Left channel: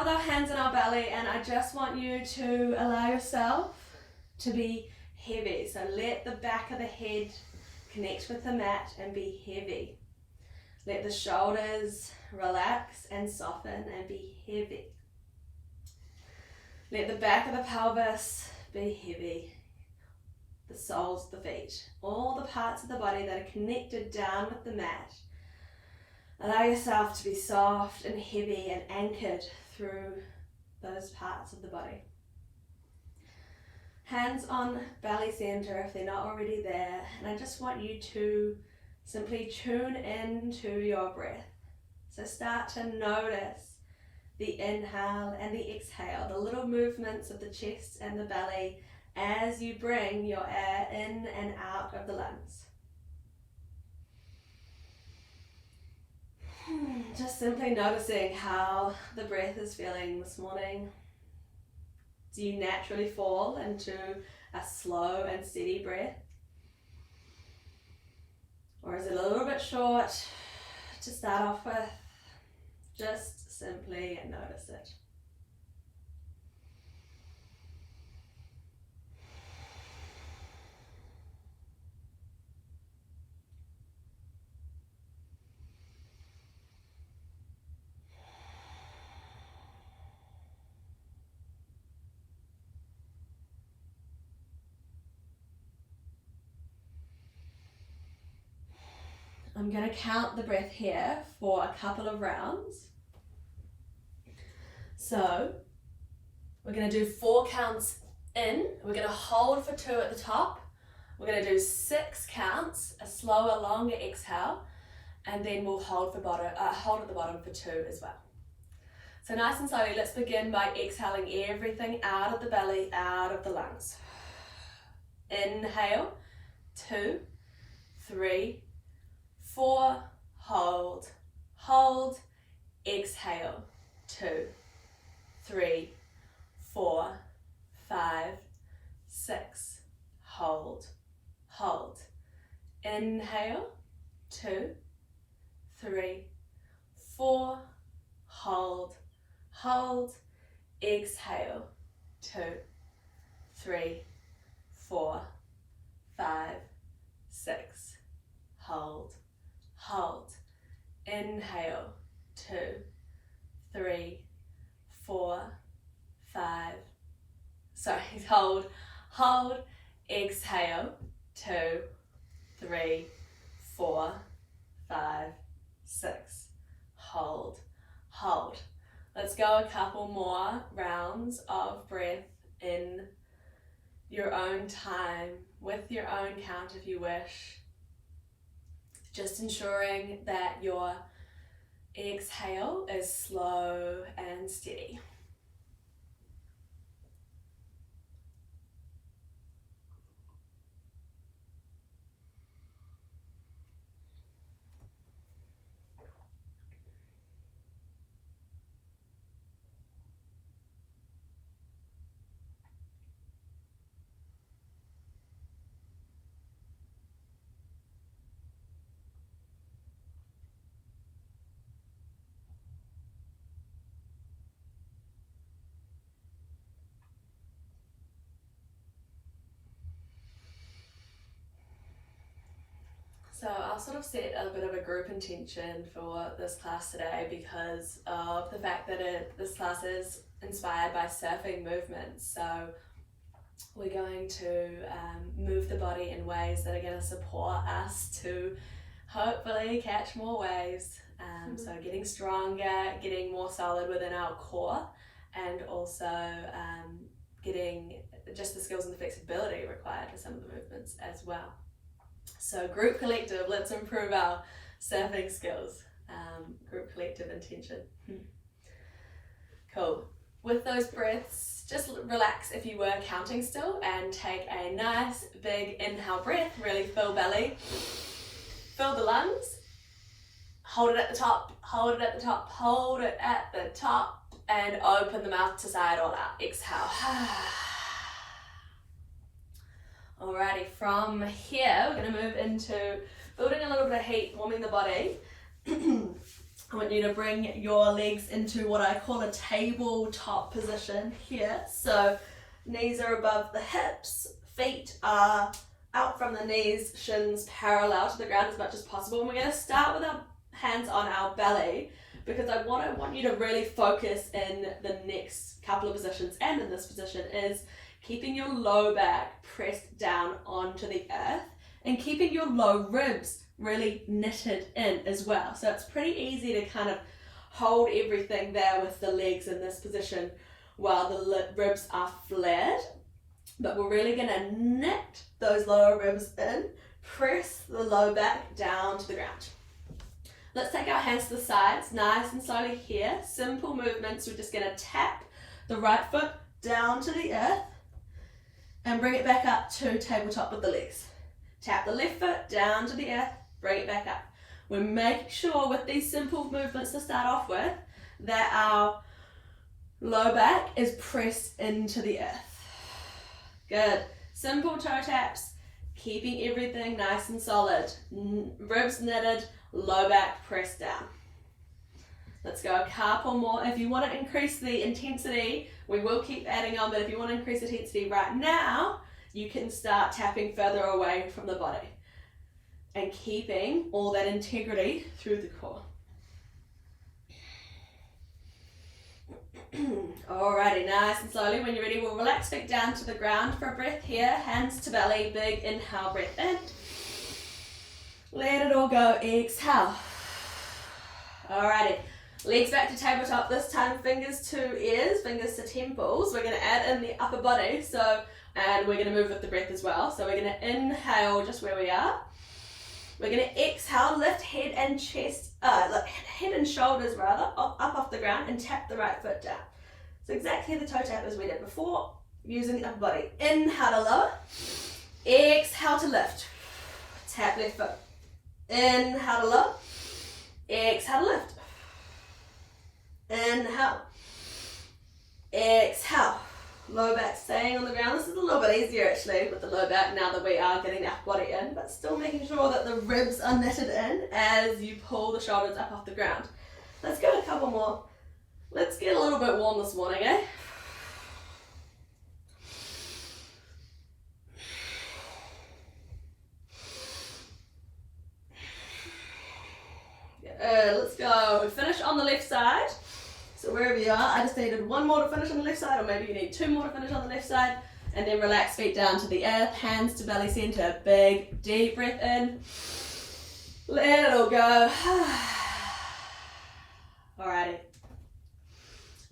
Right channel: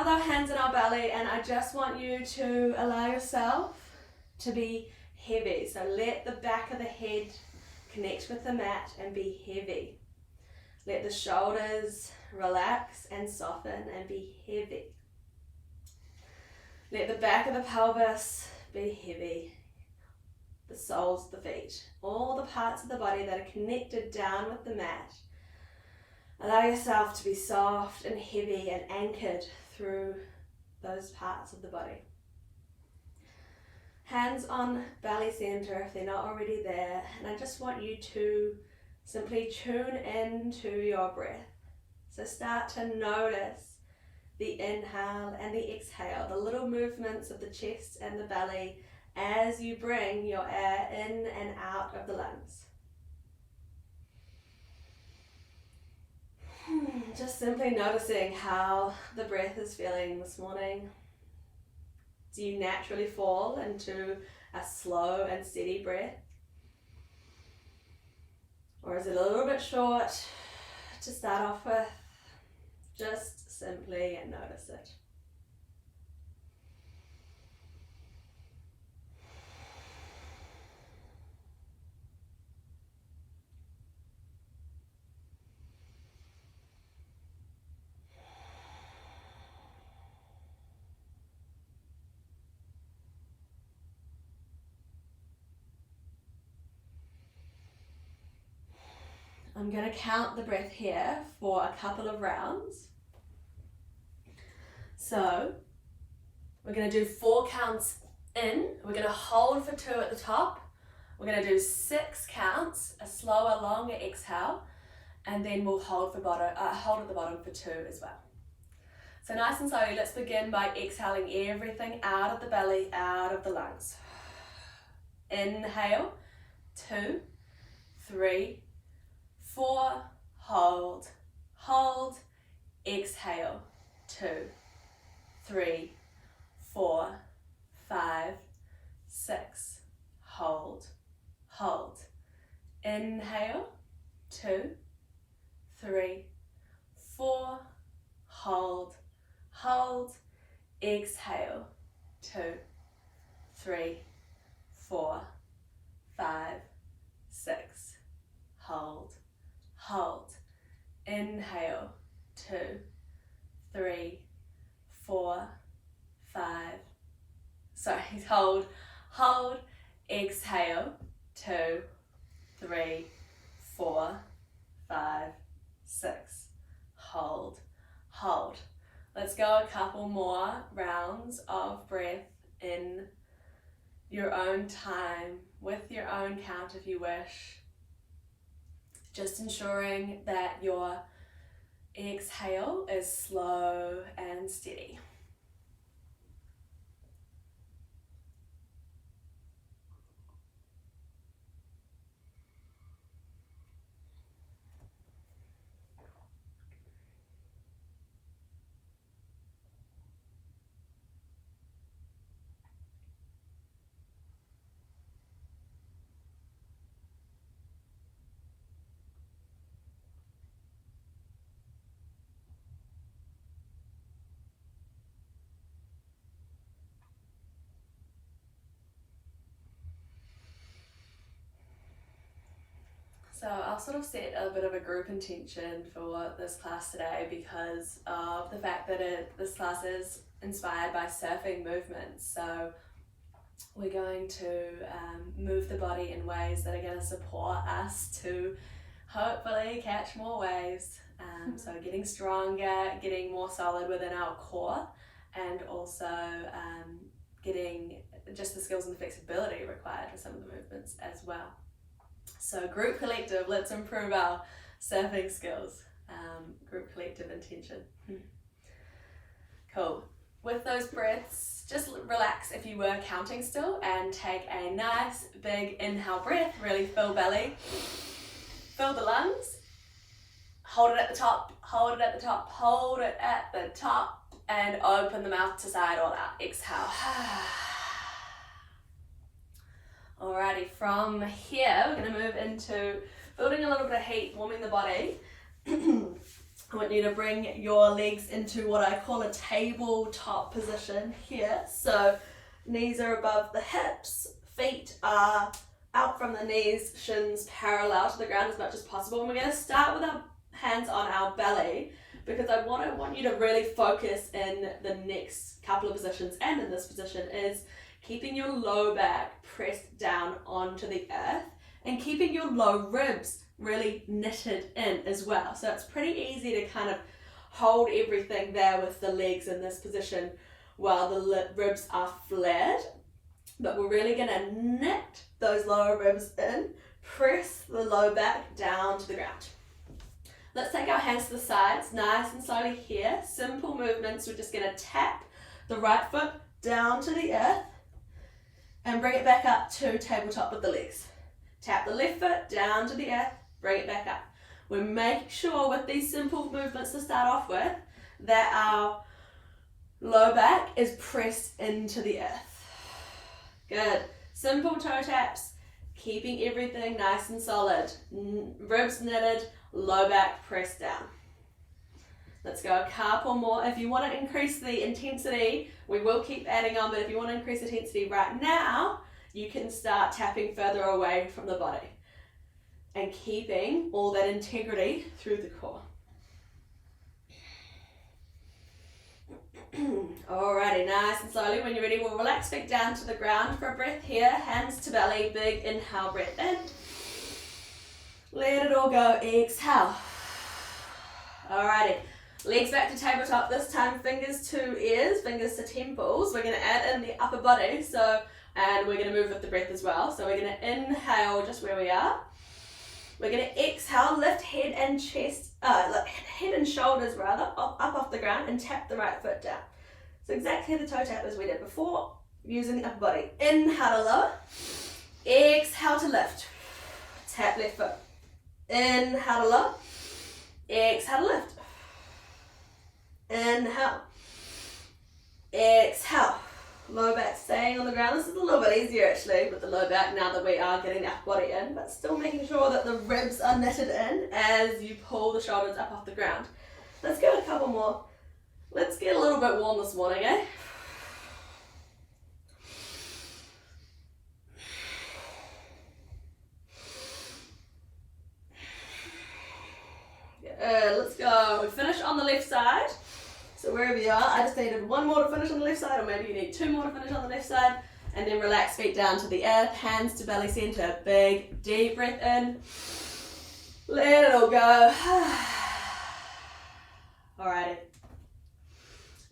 start with our hands in our belly, and I just want you to allow yourself to be heavy. So let the back of the head connect with the mat and be heavy. Let the shoulders relax and soften and be heavy. Let the back of the pelvis be heavy. The soles of the feet, all the parts of the body that are connected down with the mat. Allow yourself to be soft and heavy and anchored through those parts of the body. Hands on belly center if they're not already there, and I just want you to simply tune into your breath. So start to notice the inhale and the exhale, the little movements of the chest and the belly as you bring your air in and out of the lungs. Just simply noticing how the breath is feeling this morning. Do you naturally fall into a slow and steady breath? Or is it a little bit short to start off with? Just simply notice it. I'm going to count the breath here for a couple of rounds. So we're going to do 4 counts in. We're going to hold for 2 at the top. We're going to do 6 counts, a slower, longer exhale, and then we'll hold at the bottom for 2 as well. So nice and slowly, let's begin by exhaling everything out of the belly, out of the lungs. Inhale, 2, 3, 4, hold, hold, exhale, 2, 3, 4, 5, 6, hold, hold, inhale, 2, 3, 4, hold, hold, exhale, 2, 3, 4, 5, 6, hold, hold, inhale, 2, 3, 4, 5, hold, hold, exhale, 2, 3, 4, 5, 6, hold, hold. Let's go a couple more rounds of breath in your own time, with your own count if you wish. Just ensuring that your exhale is slow and steady. So I'll sort of set a bit of a group intention for this class today because of the fact that this class is inspired by surfing movements. So we're going to move the body in ways that are going to support us to hopefully catch more waves. So getting stronger, getting more solid within our core, and also getting just the skills and the flexibility required for some of the movements as well. So group collective, let's improve our surfing skills. Group collective intention. Cool. With those breaths, just relax if you were counting still and take a nice big inhale breath. Really fill belly, fill the lungs. Hold it at the top, hold it at the top, hold it at the top, and open the mouth to side all out. Exhale. Alrighty, from here we're going to move into building a little bit of heat, warming the body. I want you to bring your legs into what I call a tabletop position here. So knees are above the hips, feet are out from the knees, shins parallel to the ground as much as possible. And we're going to start with our hands on our belly, because what I want you to really focus in the next couple of positions and in this position is keeping your low back pressed down onto the earth and keeping your low ribs really knitted in as well. So it's pretty easy to kind of hold everything there with the legs in this position while the ribs are flared. But we're really going to knit those lower ribs in, press the low back down to the ground. Let's take our hands to the sides, nice and slowly here. Simple movements. We're just going to tap the right foot down to the earth and bring it back up to tabletop with the legs. Tap the left foot down to the earth, bring it back up. We're making sure with these simple movements to start off with that our low back is pressed into the earth. Good. Simple toe taps, keeping everything nice and solid. Ribs knitted, low back pressed down. Let's go a couple more. If you want to increase the intensity, we will keep adding on, but if you want to increase the intensity right now, you can start tapping further away from the body and keeping all that integrity through the core. Alrighty, nice and slowly. When you're ready, we'll relax back down to the ground for a breath here. Hands to belly, big inhale, breath in. Let it all go, exhale. Alrighty, legs back to tabletop. This time fingers to ears, fingers to temples. We're going to add in the upper body, and we're going to move with the breath as well. So we're going to inhale just where we are. We're going to exhale, lift head and chest, head and shoulders rather, up off the ground and tap the right foot down. So exactly the toe tap as we did before, using the upper body. Inhale to lower, exhale to lift. Tap left foot. Inhale to lower, exhale to lift. Inhale, exhale. Low back staying on the ground. This is a little bit easier actually with the low back now that we are getting the upper body in, but still making sure that the ribs are knitted in as you pull the shoulders up off the ground. Let's get a couple more. Let's get a little bit warm this morning, eh? Good, let's go. We finish on the left side. So wherever you are, I just needed one more to finish on the left side, or maybe you need two more to finish on the left side, and then relax feet down to the earth, hands to belly center, big deep breath in, let it all go. Alrighty,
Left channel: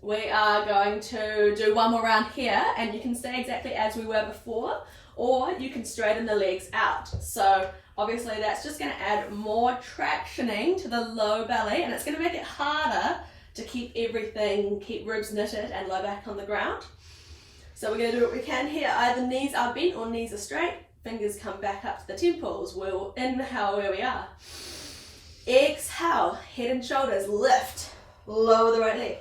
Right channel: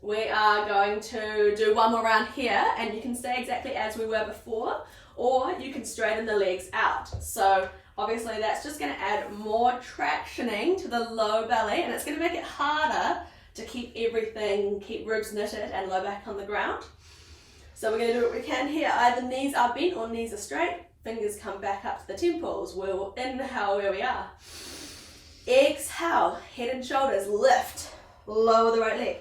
we are going to do one more round here, and you can stay exactly as we were before, or you can straighten the legs out. So obviously that's just going to add more tractioning to the low belly, and it's going to make it harder to keep ribs knitted and low back on the ground. So we're going to do what we can here. Either knees are bent or knees are straight. Fingers come back up to the temples. We'll inhale where we are. Exhale, head and shoulders lift. Lower the right leg.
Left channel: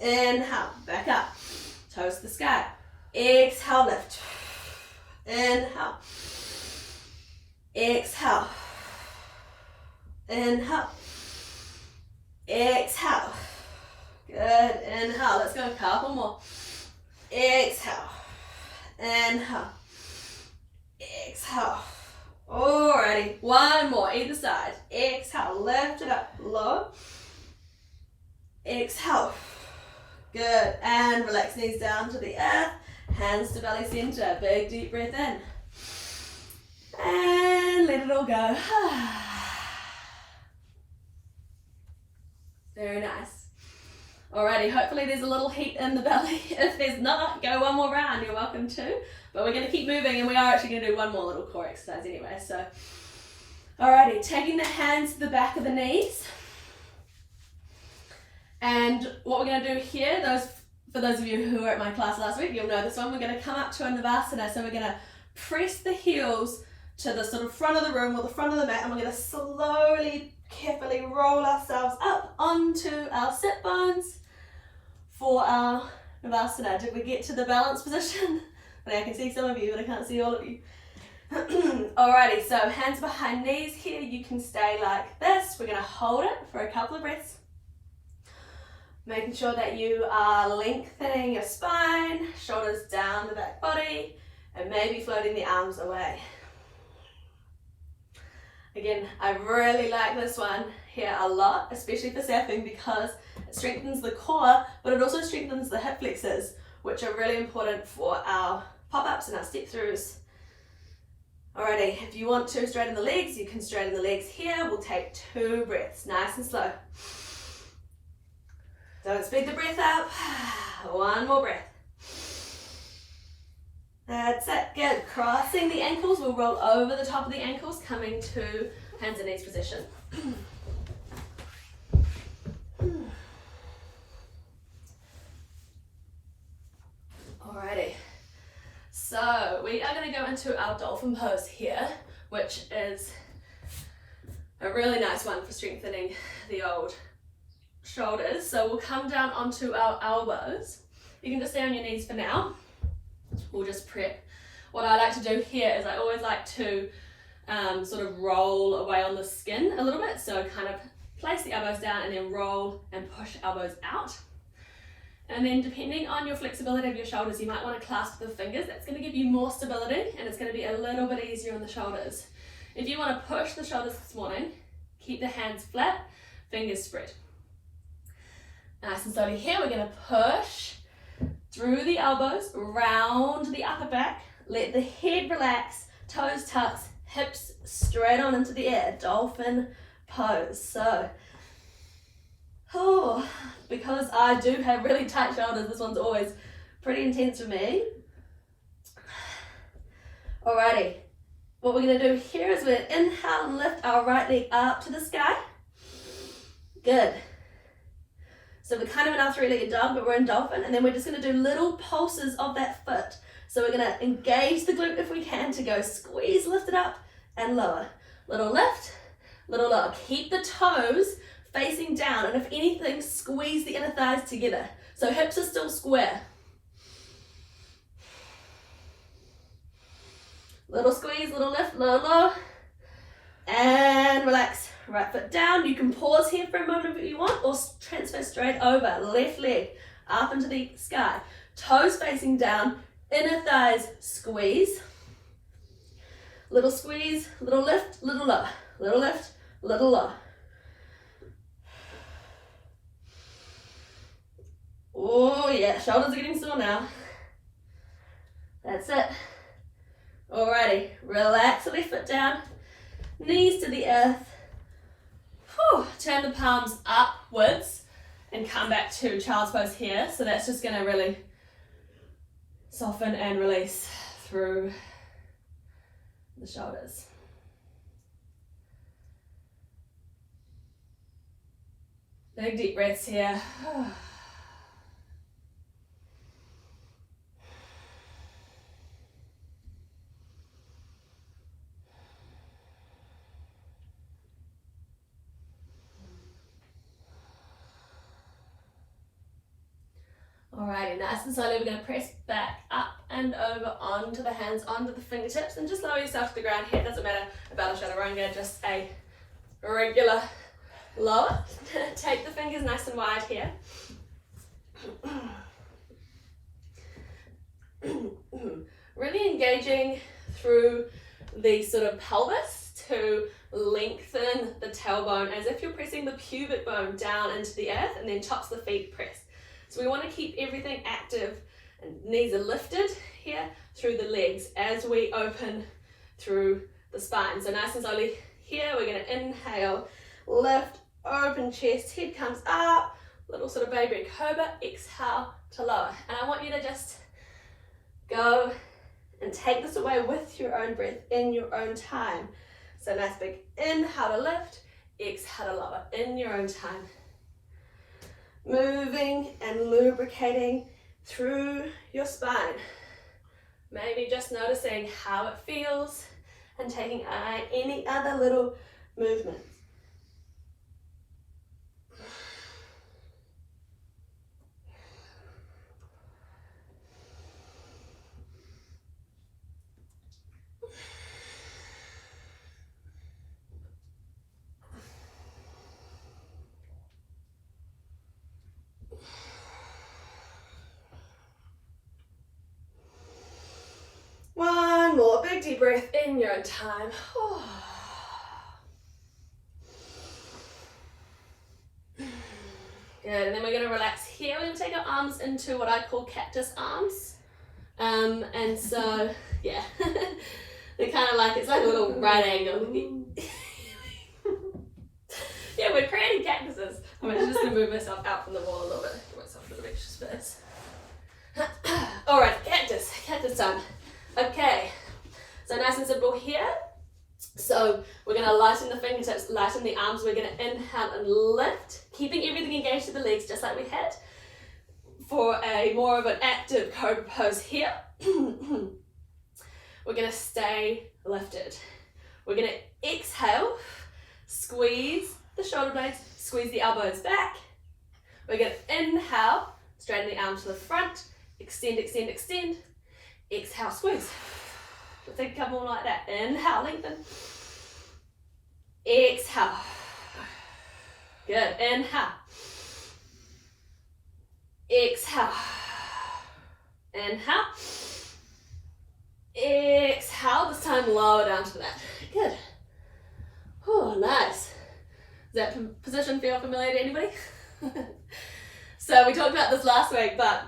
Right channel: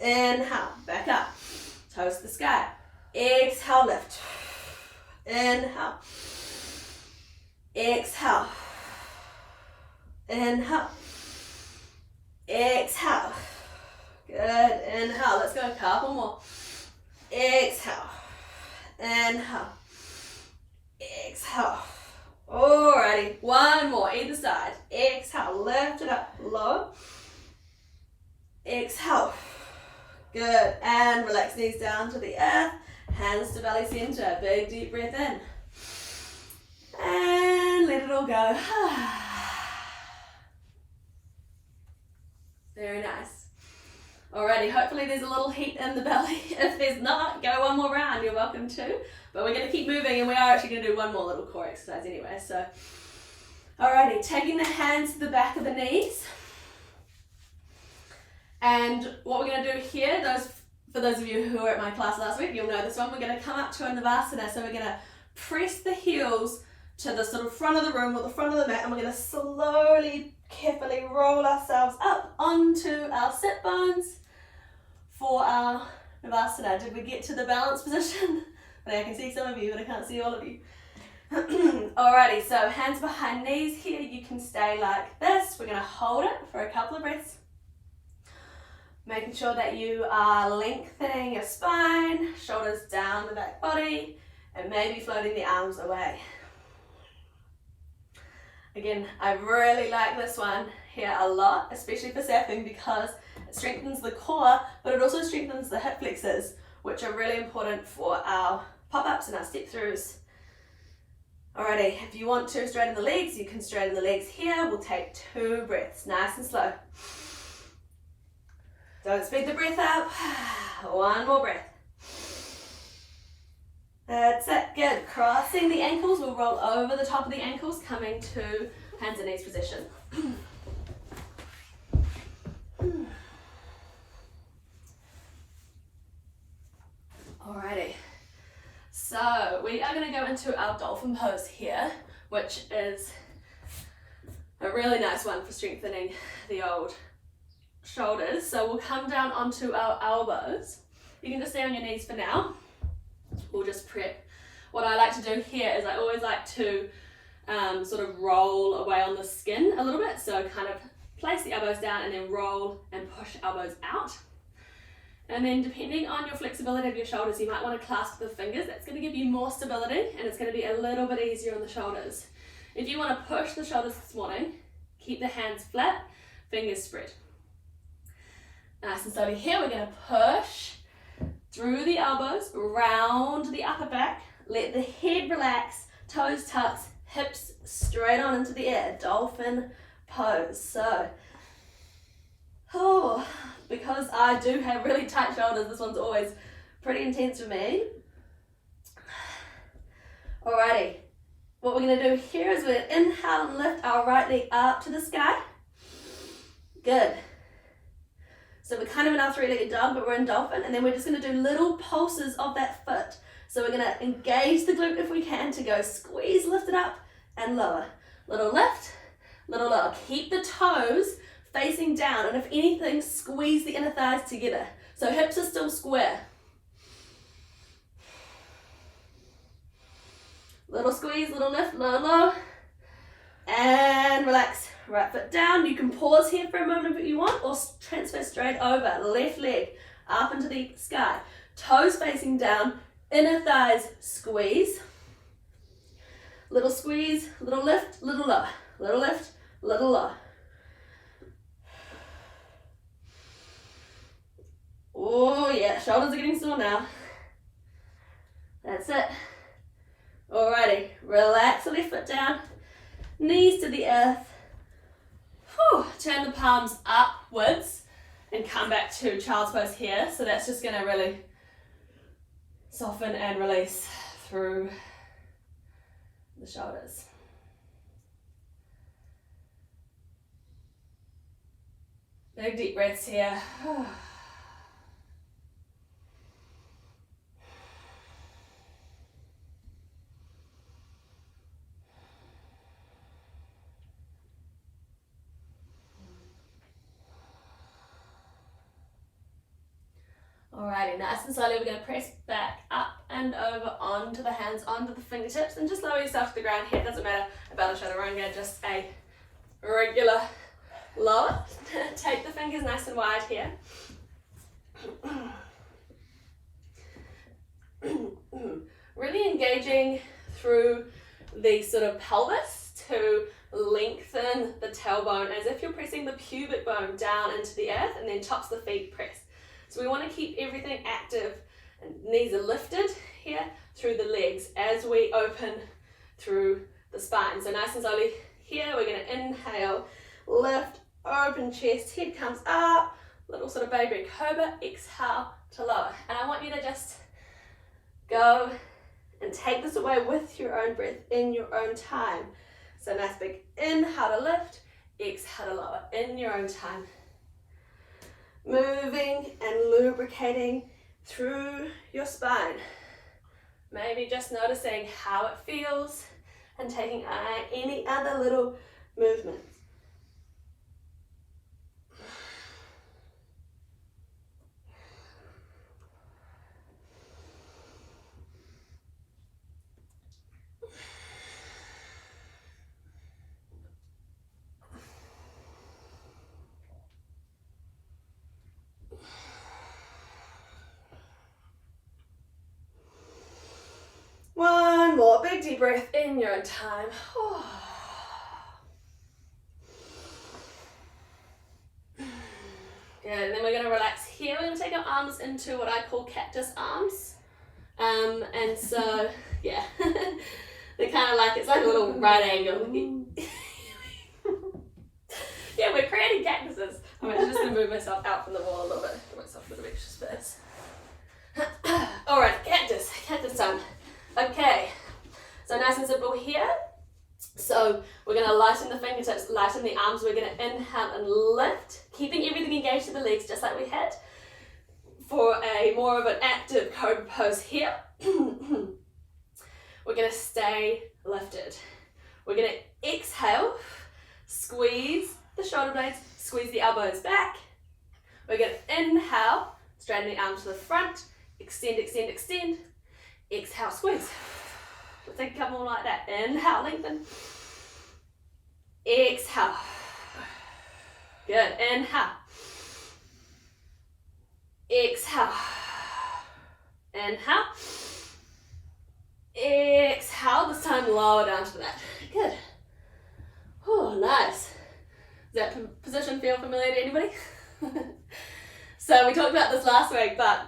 Inhale, back up. Toes to the sky. Exhale, lift. Inhale. Exhale. Inhale. Exhale. Good. Inhale. Let's go a couple more. Exhale. Inhale. Exhale. Alrighty. One more. Either side. Exhale. Lift it up. Low. Exhale. Good. And relax knees down to the earth. Hands to belly center. Big deep breath in. And let it all go. Very nice. Alrighty, hopefully there's a little heat in the belly. If there's not, go one more round, you're welcome to. But we're going to keep moving, and we are actually going to do one more little core exercise anyway. So, alrighty, taking the hands to the back of the knees. And what we're going to do here, for those of you who were at my class last week, you'll know this one. We're going to come up to a Navasana. So we're going to press the heels to the sort of front of the room or the front of the mat, and we're going to slowly, carefully roll ourselves up onto our sit bones for our Navasana. Did we get to the balance position? I can see some of you, but I can't see all of you. Alrighty, so hands behind knees here. You can stay like this. We're going to hold it for a couple of breaths. Making sure that you are lengthening your spine, shoulders down the back body, and maybe floating the arms away. Again, I really like this one here a lot, especially for surfing, because it strengthens the core, but it also strengthens the hip flexors, which are really important for our pop-ups and our step-throughs. Alrighty, if you want to straighten the legs, you can straighten the legs here. We'll take 2 breaths, nice and slow. Don't speed the breath up. 1 more breath. That's it, good. Crossing the ankles, we'll roll over the top of the ankles, coming to hands and knees position. Alrighty, so we are going to go into our dolphin pose here, which is a really nice one for strengthening the old shoulders. So we'll come down onto our elbows. You can just stay on your knees for now. We'll just prep. What I like to do here is I always like to sort of roll away on the skin a little bit. So kind of place the elbows down and then roll and push elbows out. And then depending on your flexibility of your shoulders, you might want to clasp the fingers. That's going to give you more stability and it's going to be a little bit easier on the shoulders. If you want to push the shoulders this morning, keep the hands flat, fingers spread. Nice and slowly here, we're going to push through the elbows, round the upper back, let the head relax, toes tucked, hips straight on into the air, dolphin pose. So, because I do have really tight shoulders, this one's always pretty intense for me. Alrighty, what we're going to do here is we're going to inhale and lift our right leg up to the sky. Good. So we're kind of in our 3-legged dog, but we're in dolphin, and then we're just going to do little pulses of that foot. So we're going to engage the glute if we can to go squeeze, lift it up, and lower. Little lift, little lower. Keep the toes facing down, and if anything, squeeze the inner thighs together. So hips are still square. Little squeeze, little lift, low, low, and relax. Right foot down. You can pause here for a moment if you want, or transfer straight over. Left leg up into the sky. Toes facing down, inner thighs squeeze. Little squeeze, little lift, little lower. Little lift, little lower. Oh yeah, shoulders are getting sore now. That's it. Alrighty, relax the left foot down, knees to the earth. Turn the palms upwards and come back to child's pose here. So that's just going to really soften and release through the shoulders. Big deep breaths here. Alrighty, nice and slowly we're going to press back up and over onto the hands, onto the fingertips, and just lower yourself to the ground here. It doesn't matter about a chaturanga, just a regular lower. Take the fingers nice and wide here. Really engaging through the sort of pelvis to lengthen the tailbone as if you're pressing the pubic bone down into the earth, and then tops the feet press. So we want to keep everything active, and knees are lifted here through the legs as we open through the spine. So nice and slowly here, we're going to inhale, lift, open chest, head comes up, little sort of baby cobra, exhale to lower. And I want you to just go and take this away with your own breath in your own time. So nice big inhale to lift, exhale to lower in your own time. Moving and lubricating through your spine. Maybe just noticing how it feels and taking any other little movements. big deep breath in your own time. Good, and then we're going to relax here. We're going to take our arms into what I call cactus arms. And so, yeah, they're kind of like, it's like a little right angle. Yeah, we're creating cactuses. I'm just going to move myself out from the wall a little bit. Give myself a little extra space. Alright, cactus time. Okay, so nice and simple here. So we're going to lighten the fingertips, lighten the arms. We're going to inhale and lift, keeping everything engaged to the legs just like we had. For a more of an active cobra pose here, we're going to stay lifted. We're going to exhale, squeeze the shoulder blades, squeeze the elbows back. We're going to inhale, straighten the arms to the front, extend, extend, extend. Exhale, squeeze. We'll take a couple more like that. Inhale, lengthen. Exhale. Good. Inhale. Exhale. Inhale. Exhale. This time lower down to that. Good. Oh, nice. Does that position feel familiar to anybody? So we talked about this last week, but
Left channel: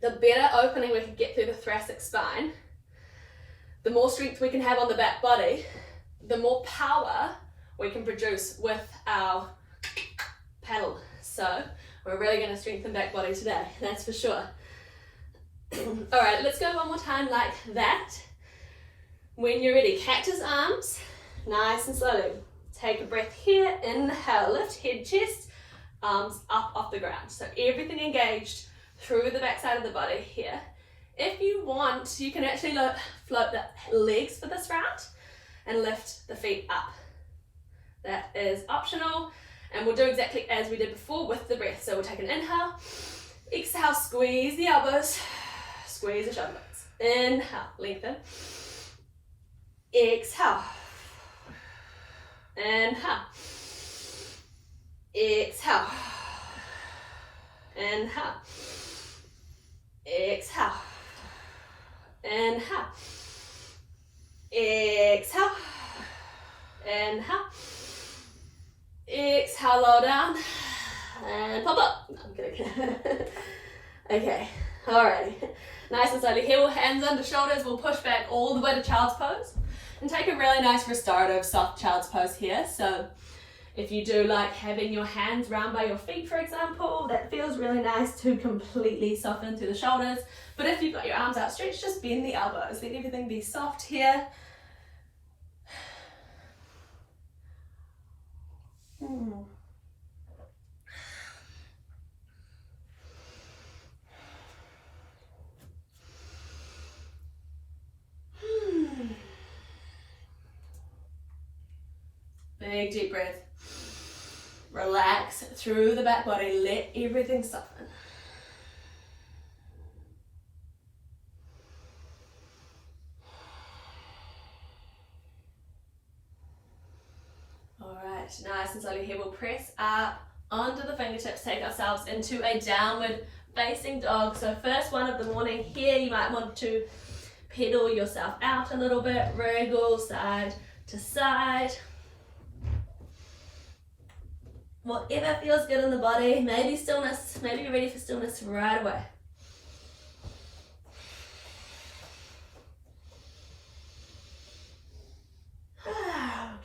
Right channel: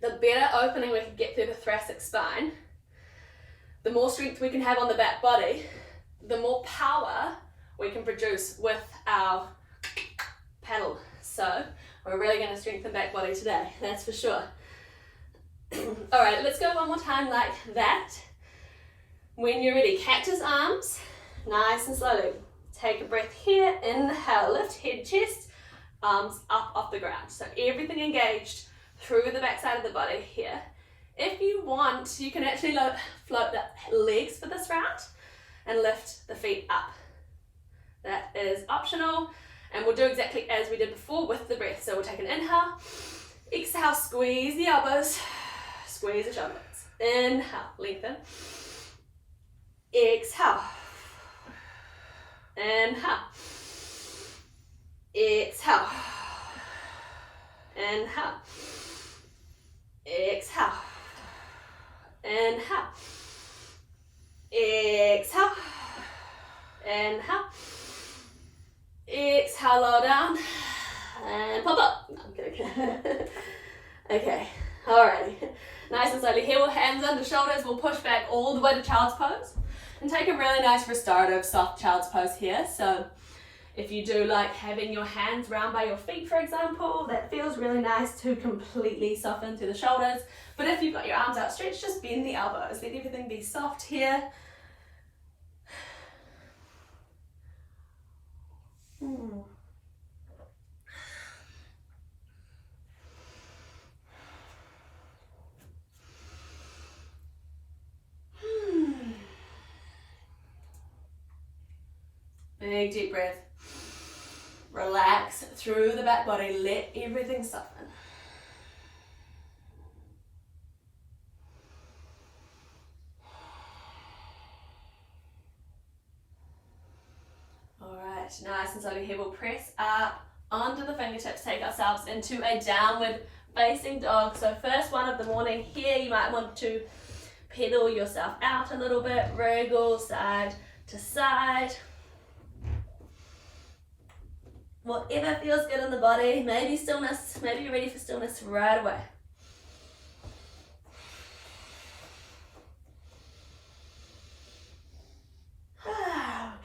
the better opening we can get through the thoracic spine, the more strength we can have on the back body, the more power we can produce with our paddle. So we're really going to strengthen back body today, that's for sure. All right, let's go one more time like that. When you're ready, cactus arms, nice and slowly. Take a breath here, inhale, lift, head, chest, arms up off the ground. So everything engaged through the back side of the body here. If you want, you can actually float the legs for this round and lift the feet up. That is optional, and we'll do exactly as we did before with the breath. So we'll take an inhale, exhale, squeeze the elbows, squeeze the shoulders. Inhale, lengthen. Exhale. Inhale. Exhale. Inhale. Exhale. Inhale. Exhale. Inhale. Exhale, lower down. And pop up. No, I'm kidding. Okay, alrighty. Nice and slowly here, we'll hands under shoulders. We'll push back all the way to child's pose. And take a really nice restorative soft child's pose here. So if you do like having your hands round by your feet, for example, that feels really nice to completely soften through the shoulders. But if you've got your arms outstretched, just bend the elbows. Let everything be soft here. Big deep breath. Relax through the back body. Let everything soften. Alright, nice and slowly here we'll press up onto the fingertips, take ourselves into a downward facing dog. So first one of the morning here, you might want to pedal yourself out a little bit, wriggle side to side. Whatever feels good in the body, maybe stillness, maybe you're ready for stillness right away.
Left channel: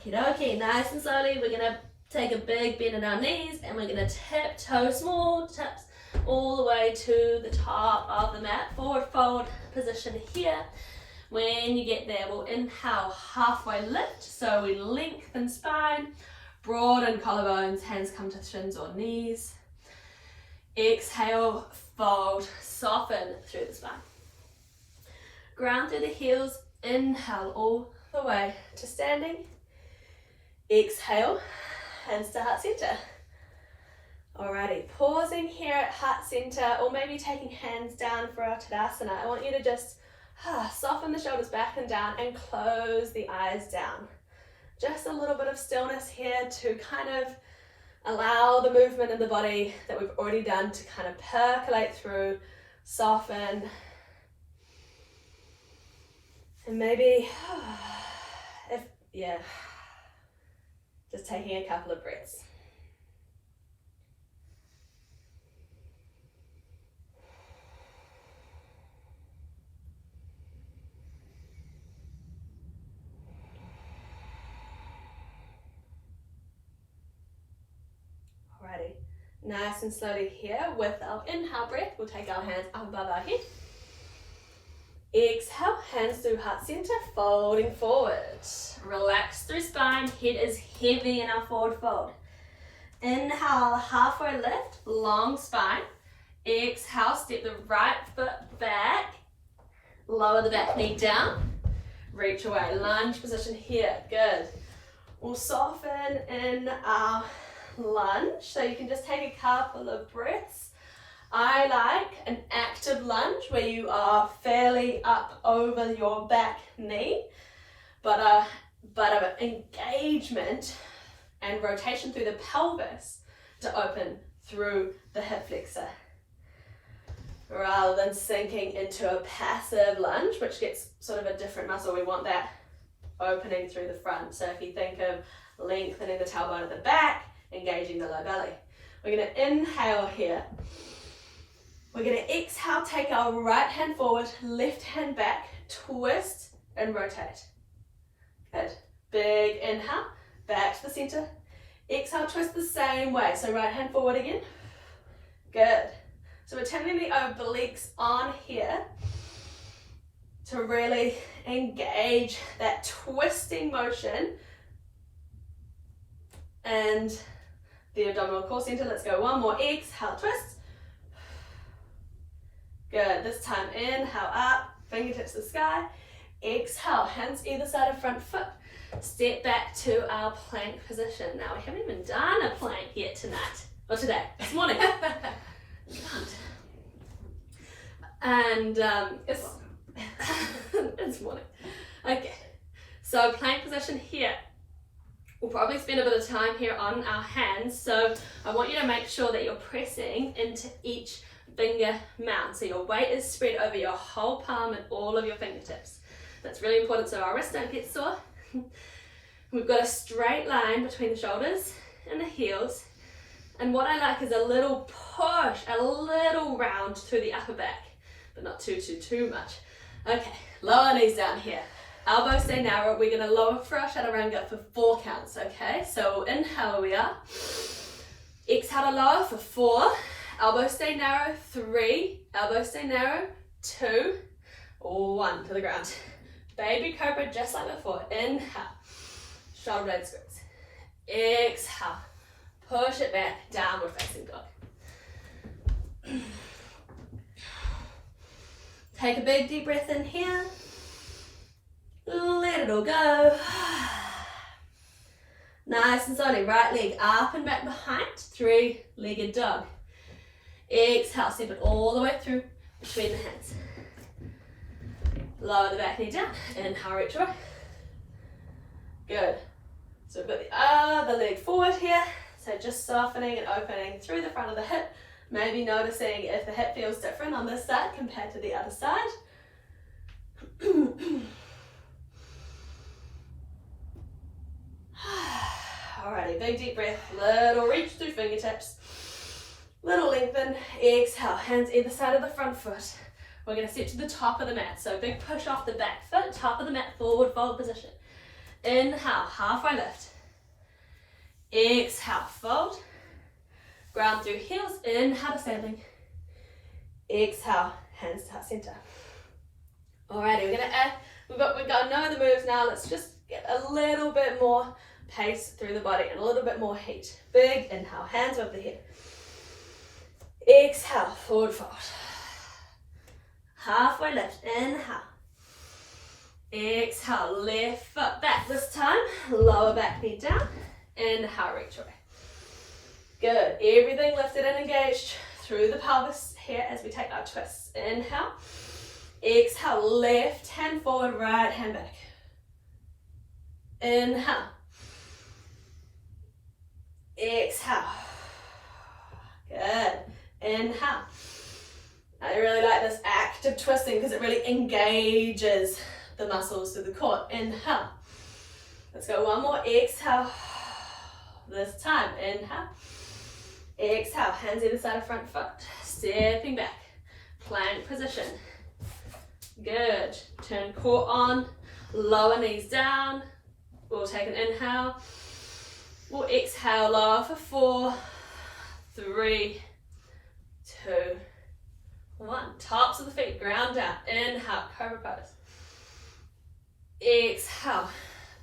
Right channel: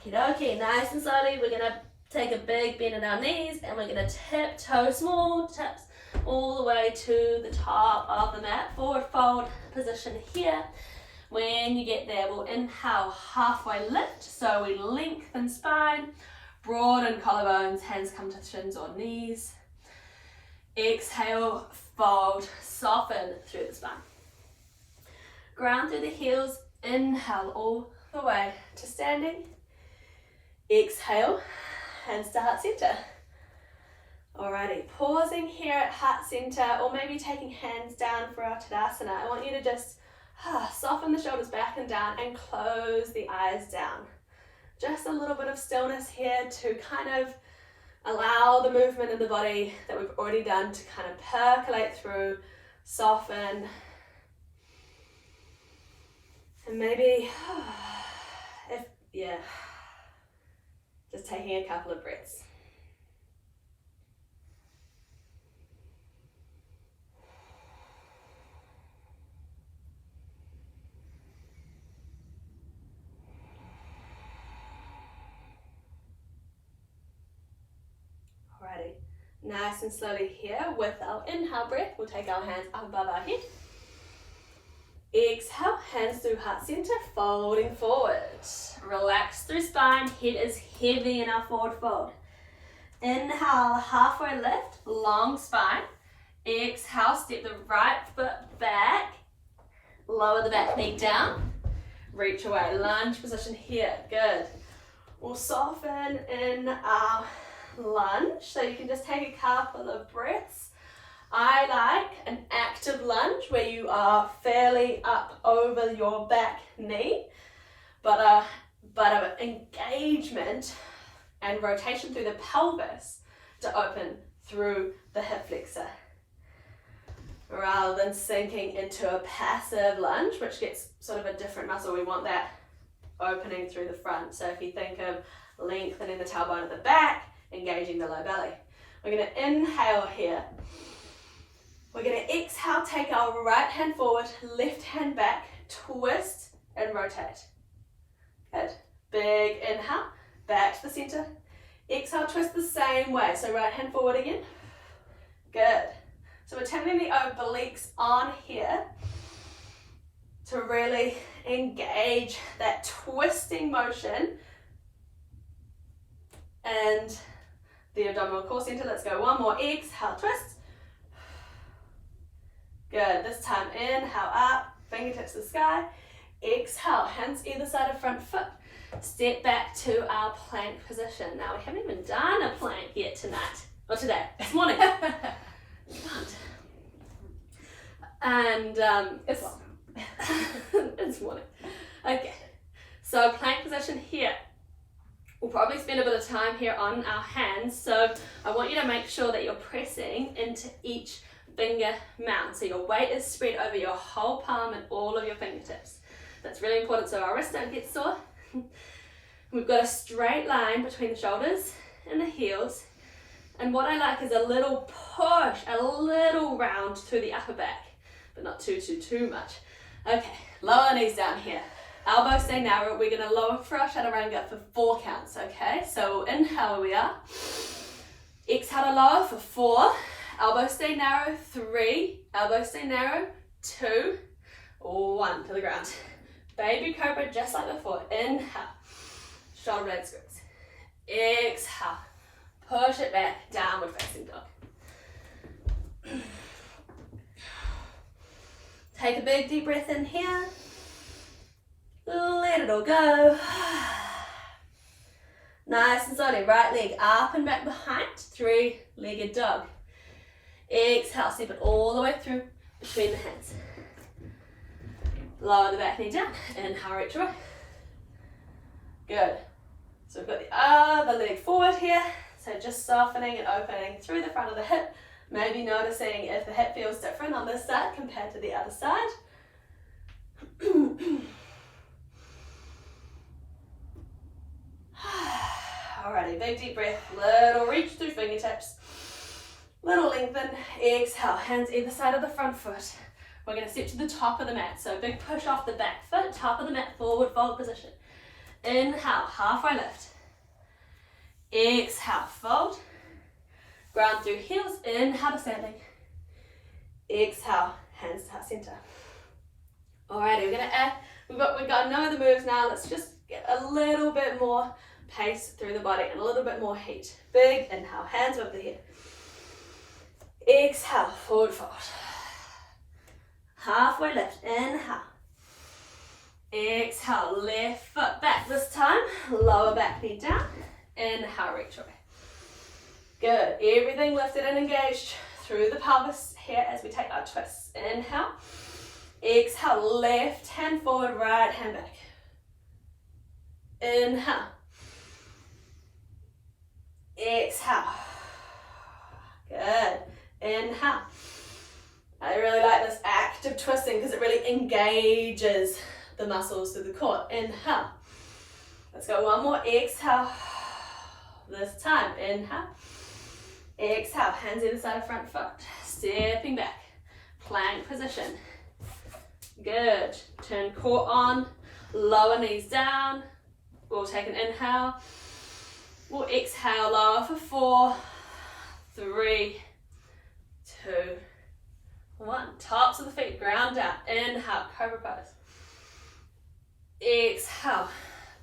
Okay, nice and slowly, we're gonna take a big bend in our knees and we're gonna tiptoe, small taps all the way to the top of the mat, forward fold position here. When you get there, we'll inhale, halfway lift, so we lengthen spine, broaden collarbones, hands come to shins or knees. Exhale, fold, soften through the spine. Ground through the heels, inhale all the way to standing. Exhale, hands to heart center. Alrighty, pausing here at heart center, or maybe taking hands down for our Tadasana. I want you to just soften the shoulders back and down and close the eyes down. Just a little bit of stillness here to kind of allow the movement in the body that we've already done to kind of percolate through, soften. And maybe, just taking a couple of breaths. Alrighty, nice and slowly here with our inhale breath, we'll take our hands up above our head. Exhale, hands through heart center, folding forward. Relax through spine, head is heavy in our forward fold. Inhale, halfway lift, long spine. Exhale, step the right foot back, lower the back knee down, reach away, lunge position here, good. We'll soften in our lunge, so you can just take a couple of breaths. I like an active lunge where you are fairly up over your back knee, but of engagement and rotation through the pelvis to open through the hip flexor, rather than sinking into a passive lunge, which gets sort of a different muscle. We want that opening through the front. So if you think of lengthening the tailbone at the back, engaging the low belly. We're going to inhale here. We're going to exhale, take our right hand forward, left hand back, twist and rotate. Good. Big inhale, back to the center. Exhale, twist the same way. So right hand forward again. Good. So we're turning the obliques on here to really engage that twisting motion and the abdominal core center. Let's go one more. Exhale, twist. Good. This time, inhale up, fingertips to the sky. Exhale, hands either side of front foot. Step back to our plank position. Now, we haven't even done a plank yet tonight, or today, this morning. And it's morning. Okay, so plank position here. We'll probably spend a bit of time here on our hands, so I want you to make sure that you're pressing into each finger mount, so your weight is spread over your whole palm and all of your fingertips. That's really important so our wrists don't get sore. We've got a straight line between the shoulders and the heels, and what I like is a little push, a little round through the upper back, but not too much. Okay, lower knees down here. Elbows stay narrow. We're going to lower for our chaturanga for 4 counts, okay? So inhale, we are. Exhale to lower for 4. Elbows stay narrow, 3. Elbows stay narrow, 2. 1 to the ground. Baby cobra just like before. Inhale. Shoulder blade squeeze. Exhale. Push it back. Downward facing dog. Take a big deep breath in here. Let it all go. Nice and slowly, right leg up and back behind, 3-legged dog. Exhale, step it all the way through between the hands. Lower the back knee down, inhale, reach away. Good. So we've got the other leg forward here. So just softening and opening through the front of the hip. Maybe noticing if the hip feels different on this side compared to the other side. Alrighty, big deep breath, little reach through fingertips, little lengthen, exhale, hands either side of the front foot. We're going to step to the top of the mat, so big push off the back foot, top of the mat, forward fold position. Inhale, halfway lift. Exhale, fold. Ground through heels, inhale to standing. Exhale, hands to heart center. Alrighty, we're going to add, we've got to know the moves now. Let's just get a little bit more pace through the body and a little bit more heat. Big inhale, hands over the head. Exhale, forward fold. Halfway lift, inhale. Exhale, left foot back this time. Lower back knee down. Inhale, reach away. Good, everything lifted and engaged through the pelvis here as we take our twists. Inhale. Exhale, left hand forward, right hand back. Inhale. Exhale. Good. Inhale. I really like this active twisting because it really engages the muscles through the core. Inhale. Let's go one more. Exhale. This time, inhale. Exhale, hands either side of front foot. Stepping back. Plank position. Good. Turn core on. Lower knees down. We'll take an inhale. We'll exhale, lower for 4, 3, 2, 1. Tops of the feet, ground down. Inhale, cobra pose. Exhale,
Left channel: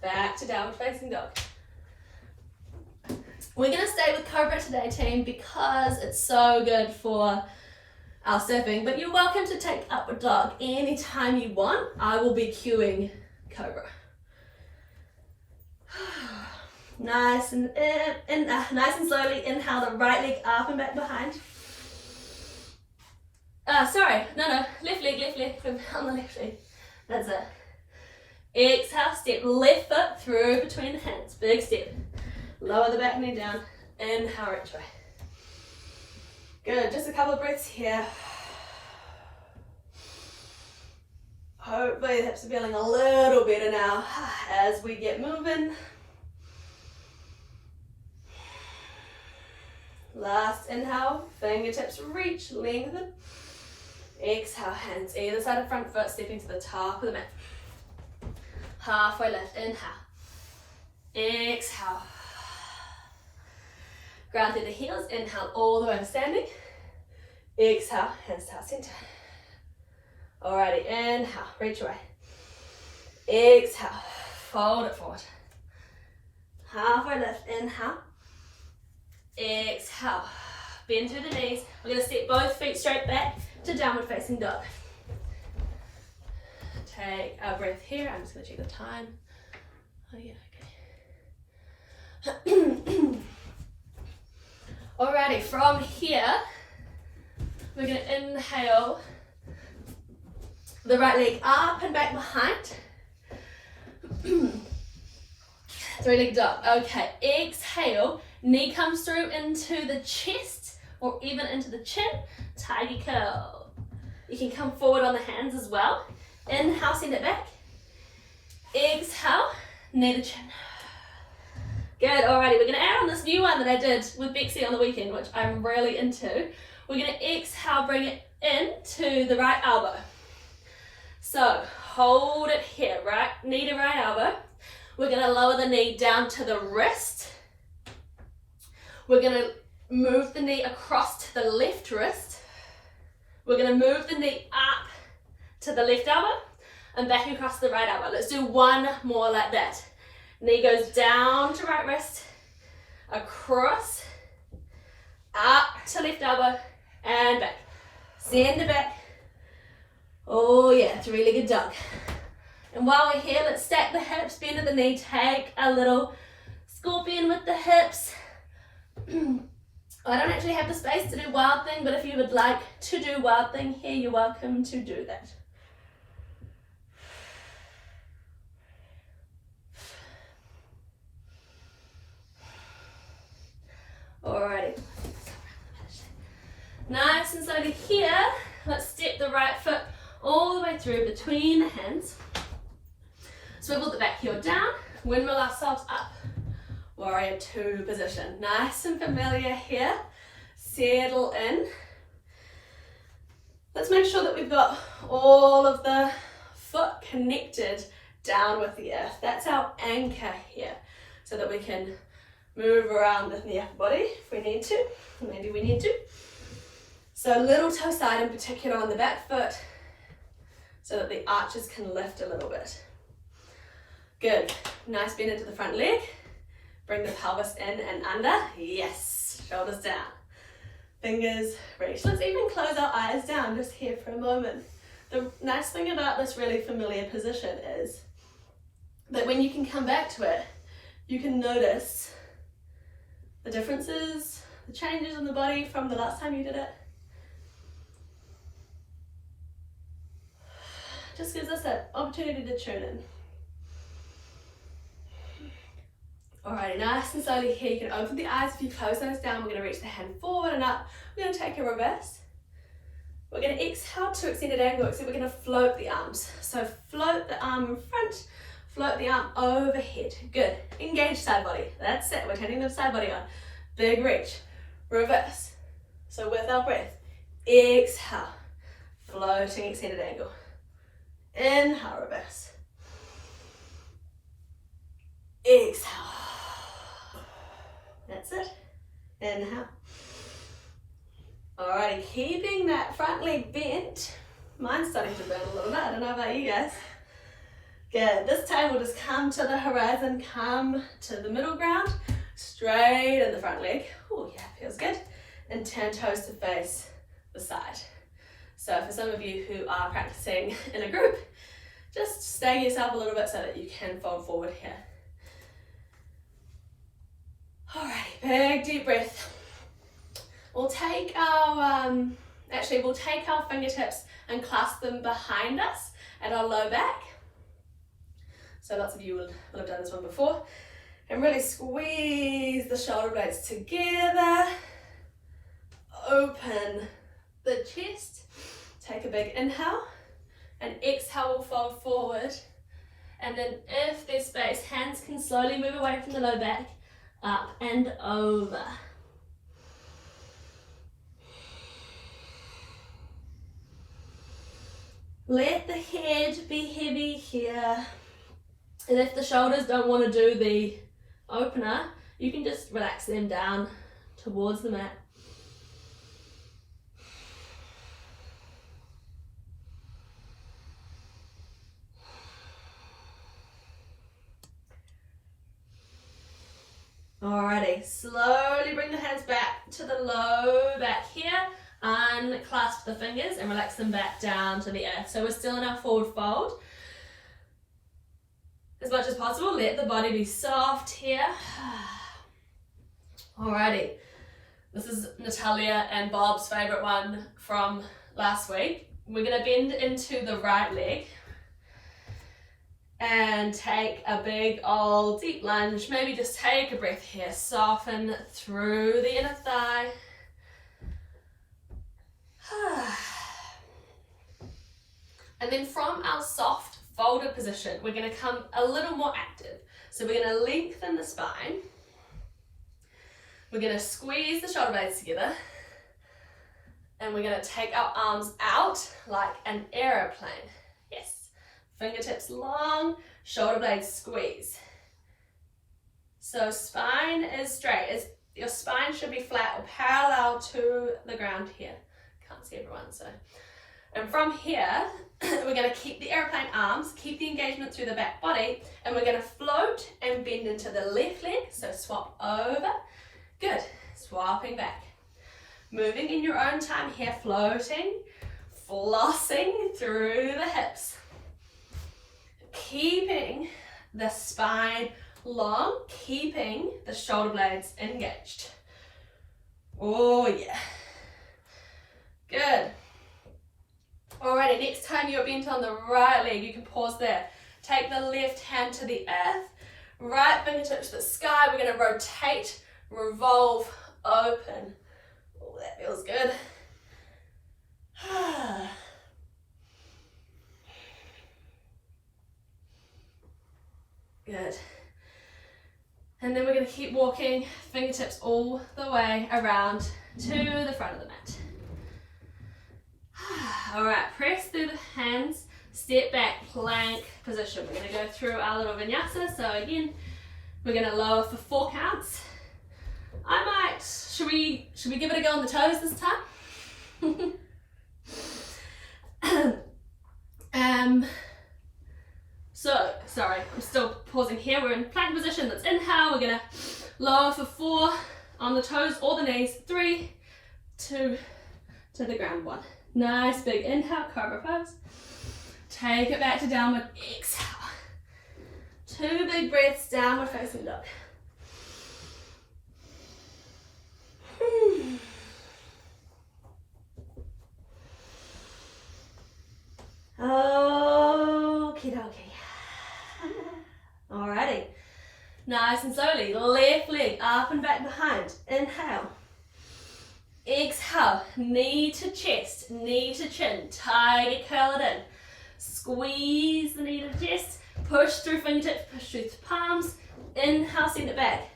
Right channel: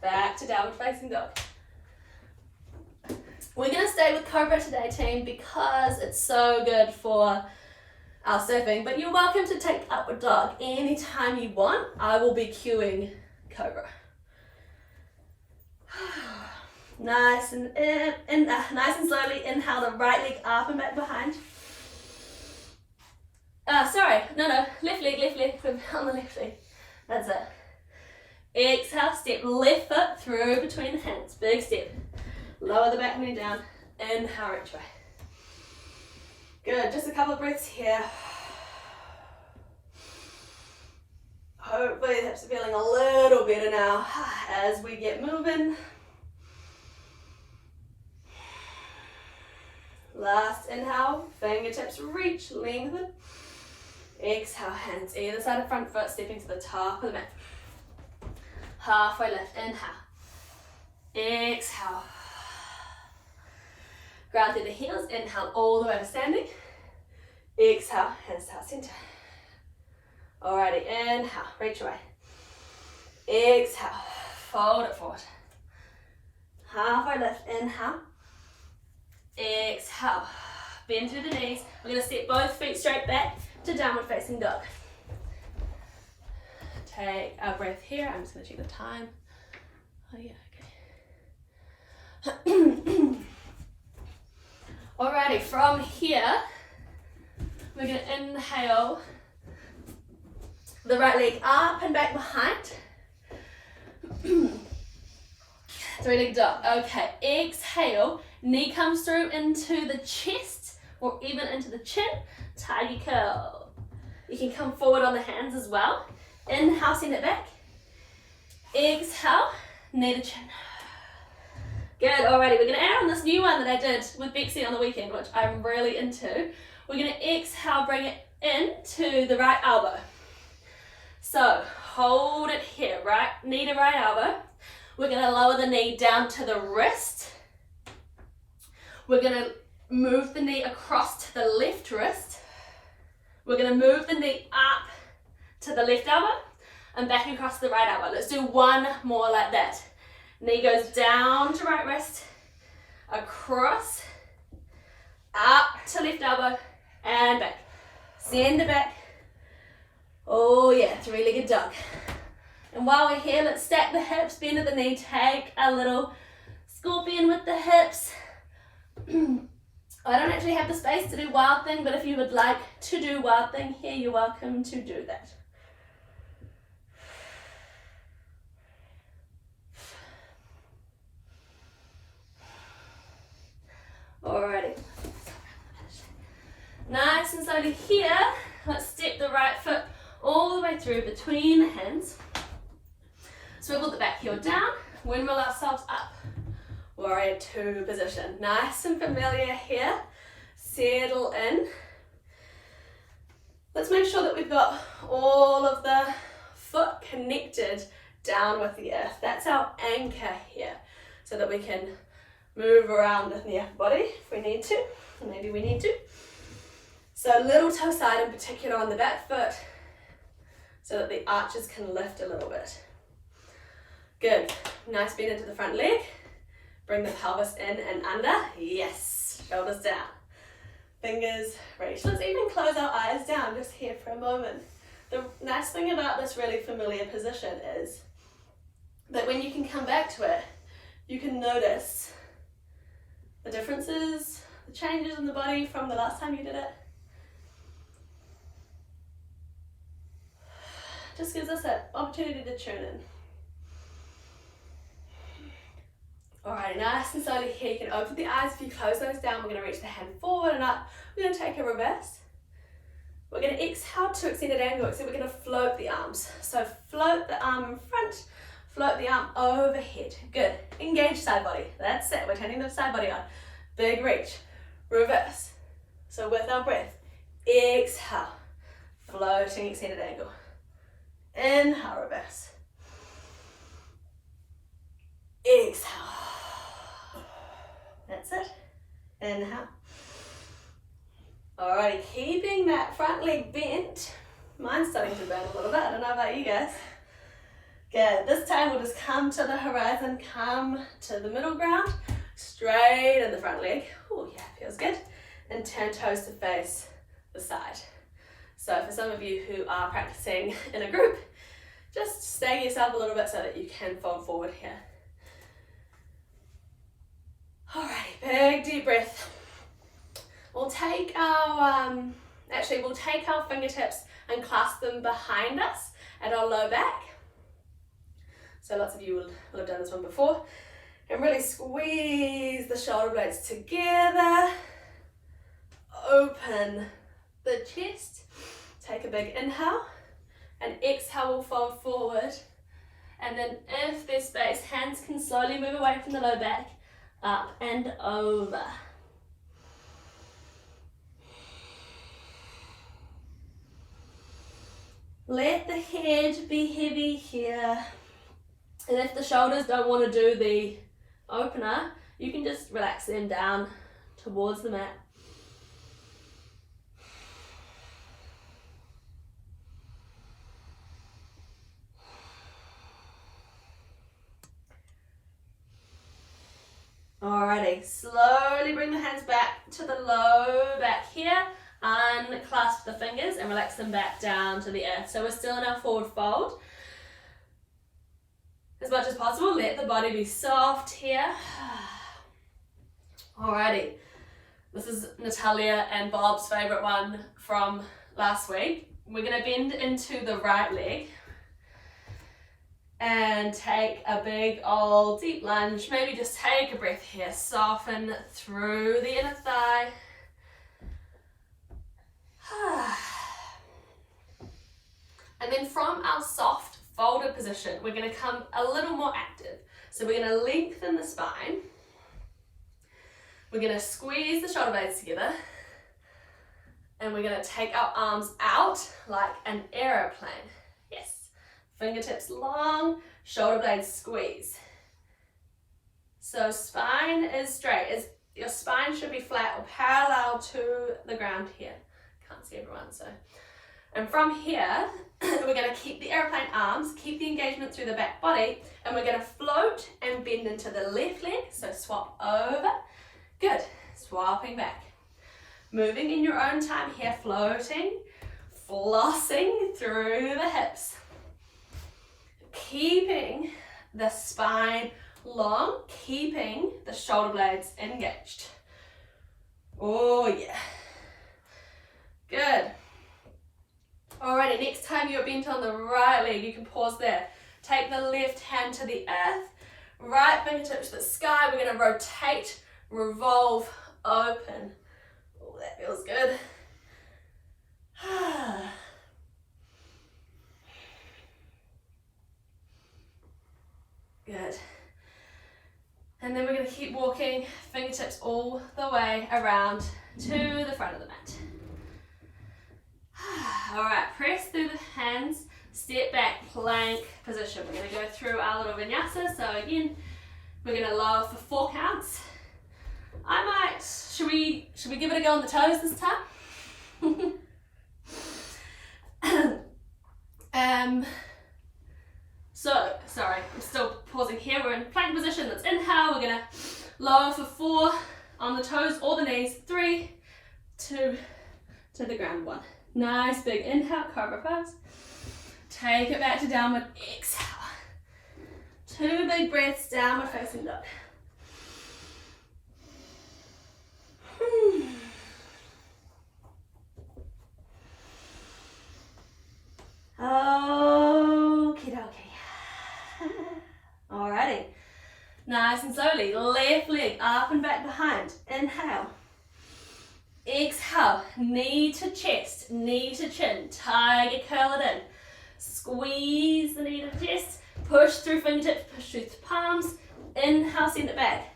back to downward facing dog. We're going to stay with cobra today, team, because it's so good for our surfing, but you're welcome to take upward dog anytime you want. I will be cueing cobra. Nice and nice and slowly inhale the right leg up and back behind. Left leg, on the left leg. That's it. Exhale, step left foot through between the hands. Big step. Lower the back knee down. Inhale, reach way. Good, just a couple of breaths here. Hopefully the hips are feeling a little better now as we get moving. Last inhale, fingertips reach, lengthen. Exhale, hands either side of front foot, stepping to the top of the mat. Halfway lift, inhale. Exhale. Ground through the heels, inhale all the way to standing. Exhale, hands to our center. Alrighty, inhale, reach away. Exhale, fold it forward. Halfway lift, inhale. Exhale, bend through the knees. We're going to step both feet straight back to downward facing dog. Take a breath here. I'm just going to check the time. Oh yeah, okay. Alrighty, from here, we're going to inhale the right leg up and back behind. 3-legged dog. Okay, exhale. Knee comes through into the chest or even into the chin. Tiger curl. You can come forward on the hands as well. Inhale, send it back. Exhale, knee to chin. Good, alrighty. We're going to add on this new one that I did with Bexy on the weekend, which I'm really into. We're going to exhale, bring it into the right elbow. So, hold it here, right knee to right elbow. We're going to lower the knee down to the wrist. We're going to move the knee across to the left wrist. We're going to move the knee up to the left elbow and back across the right elbow. Let's do one more like that. Knee goes down to right wrist, across, up to left elbow, and back. Send it back. Oh yeah, 3-legged dog. And while we're here, let's stack the hips, bend at the knee, take a little scorpion with the hips. I don't actually have the space to do wild thing, but if you would like to do wild thing here, you're welcome to do that. Alrighty. Nice and slowly here, let's step the right foot all the way through between the hands. Swivel the back heel down, windmill ourselves up. Warrior 2 position. Nice and familiar here. Settle in. Let's make sure that we've got all of the foot connected down with the earth. That's our anchor here, so that we can move around in the upper body if we need to. Maybe we need to. So little toe side in particular on the back foot, so that the arches can lift a little bit. Good. Nice bend into the front leg. Bring the pelvis in and under. Yes. Shoulders down. Fingers reach. Let's even close our eyes down just here for a moment. The nice thing about this really familiar position is that when you can come back to it, you can notice the differences, the changes in the body from the last time you did it. Just gives us that opportunity to tune in. Alright, nice and slowly here, you can open the eyes. If you close those down, we're going to reach the hand forward and up. We're going to take a reverse. We're going to exhale to extended angle, except we're going to float the arms. So float the arm in front, float the arm overhead. Good. Engage side body. That's it. We're turning the side body on. Big reach. Reverse. So with our breath, exhale. Floating extended angle. Inhale, reverse. Exhale. That's it. Inhale. Alrighty, keeping that front leg bent. Mine's starting to burn a little bit. I don't know about you guys. Good. This time we'll just come to the horizon, come to the middle ground, straight in the front leg. Oh yeah, feels good. And turn toes to face the side. So for some of you who are practicing in a group, just stagger yourself a little bit so that you can fold forward here. Alrighty, big deep breath. We'll take our, we'll take our fingertips and clasp them behind us at our low back. So lots of you will have done this one before. And really squeeze the shoulder blades together. Open the chest. Take a big inhale. And exhale, we'll fold forward. And then if there's space, hands can slowly move away from the low back. Up and over. Let the head be heavy here. And if the shoulders don't want to do the opener, you can just relax them down towards the mat. Alrighty, slowly bring the hands back to the low back here. Unclasp the fingers and relax them back down to the earth. So we're still in our forward fold. As much as possible, let the body be soft here. Alrighty, this is Natalia and Bob's favourite one from last week. We're going to bend into the right leg and take a big old deep lunge. Maybe just take a breath here. Soften through the inner thigh. And then from our soft folded position, we're going to come a little more active. So we're going to lengthen the spine. We're going to squeeze the shoulder blades together. And we're going to take our arms out like an aeroplane. Yes. Fingertips long, shoulder blades squeeze. So spine is straight. Your spine should be flat or parallel to the ground here. Can't see everyone, so. And from here, we're going to keep the airplane arms, keep the engagement through the back body, and we're going to float and bend into the left leg. So swap over. Good. Swapping back. Moving in your own time here, floating, flossing through the hips. Keeping the spine long, keeping the shoulder blades engaged. Oh yeah. Good. Alrighty, next time you're bent on the right leg, you can pause there. Take the left hand to the earth, right fingertips to the sky. We're going to rotate, revolve, open. Oh, that feels good. Good. And then we're going to keep walking, fingertips all the way around to the front of the mat. Alright, press through the hands, step back, plank position. We're going to go through our little vinyasa. So again, we're going to lower for 4 counts. Should we give it a go on the toes this time? So, sorry, I'm still pausing here. We're in plank position. Let's inhale. We're going to lower for 4 on the toes or the knees. 3, 2, to the ground. 1. Nice big inhale, cobra pose. Take it back to downward, exhale. 2 big breaths, downward facing dog. Okie dokie. Alrighty. Nice and slowly, left leg up and back behind. Inhale. Exhale, knee to chest, knee to chin, tiger curl it in. Squeeze the knee to the chest, push through fingertips, push through palms. Inhale, send it back.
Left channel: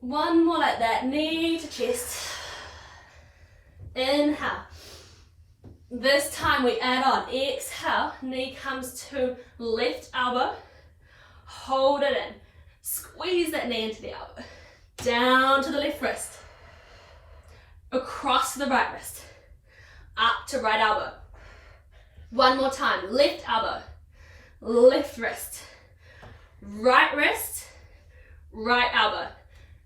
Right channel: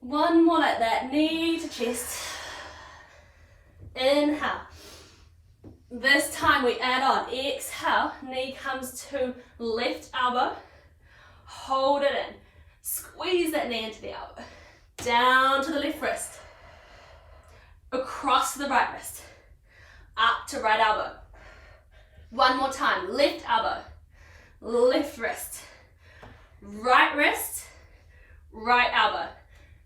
One more like that, knee to chest. Inhale. This time we add on. Exhale, knee comes to left elbow. Hold it in. Squeeze that knee into the elbow. Down to the left wrist. Across the right wrist. Up to right elbow. One more time. Left elbow. Left wrist. Right wrist. Right elbow.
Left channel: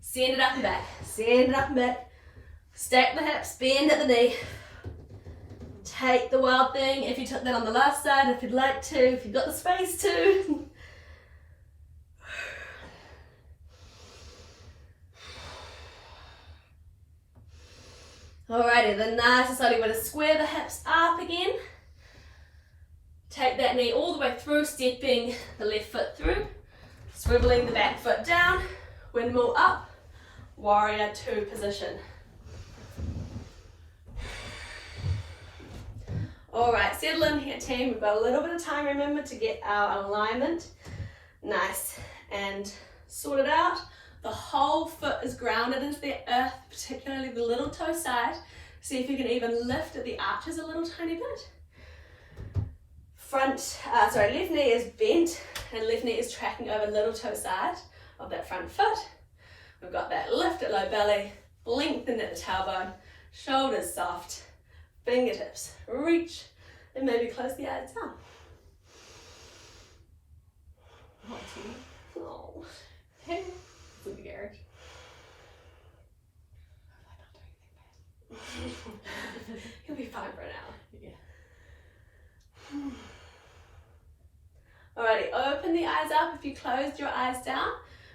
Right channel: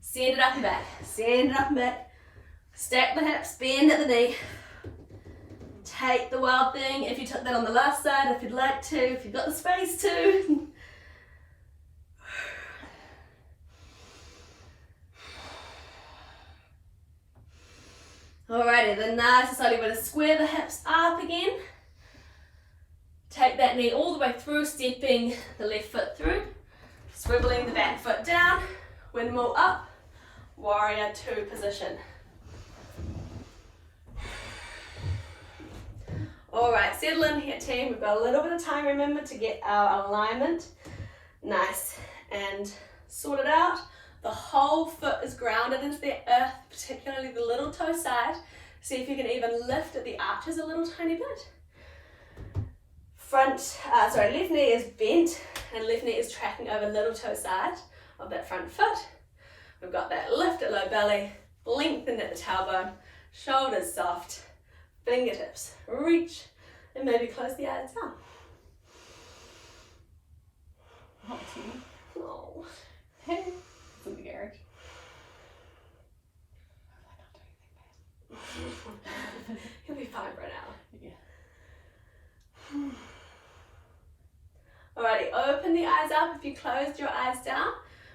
Send it up and back. Send it up and back. Stack the hips. Bend at the knee. Take the wild thing if you took that on the left side, if you'd like to, if you've got the space to. Alrighty, then nice and slowly we're going to square the hips up again. Take that knee all the way through, stepping the left foot through, swiveling the back foot down, windmill up, warrior two position. Alright, settle in here team, we've got a little bit of time, remember, to get our alignment nice and sorted out. The whole foot is grounded into the earth, particularly the little toe side. See if you can even lift at the arches a little tiny bit. Left knee is bent and left knee is tracking over little toe side of that front foot. We've got that lift at low belly, lengthen at the tailbone, shoulders soft, fingertips reach, and maybe close the eyes down. Oh. Hey. In the garage. He'll be fine for an hour. Yeah. Alrighty, open the eyes up. If you closed your eyes down,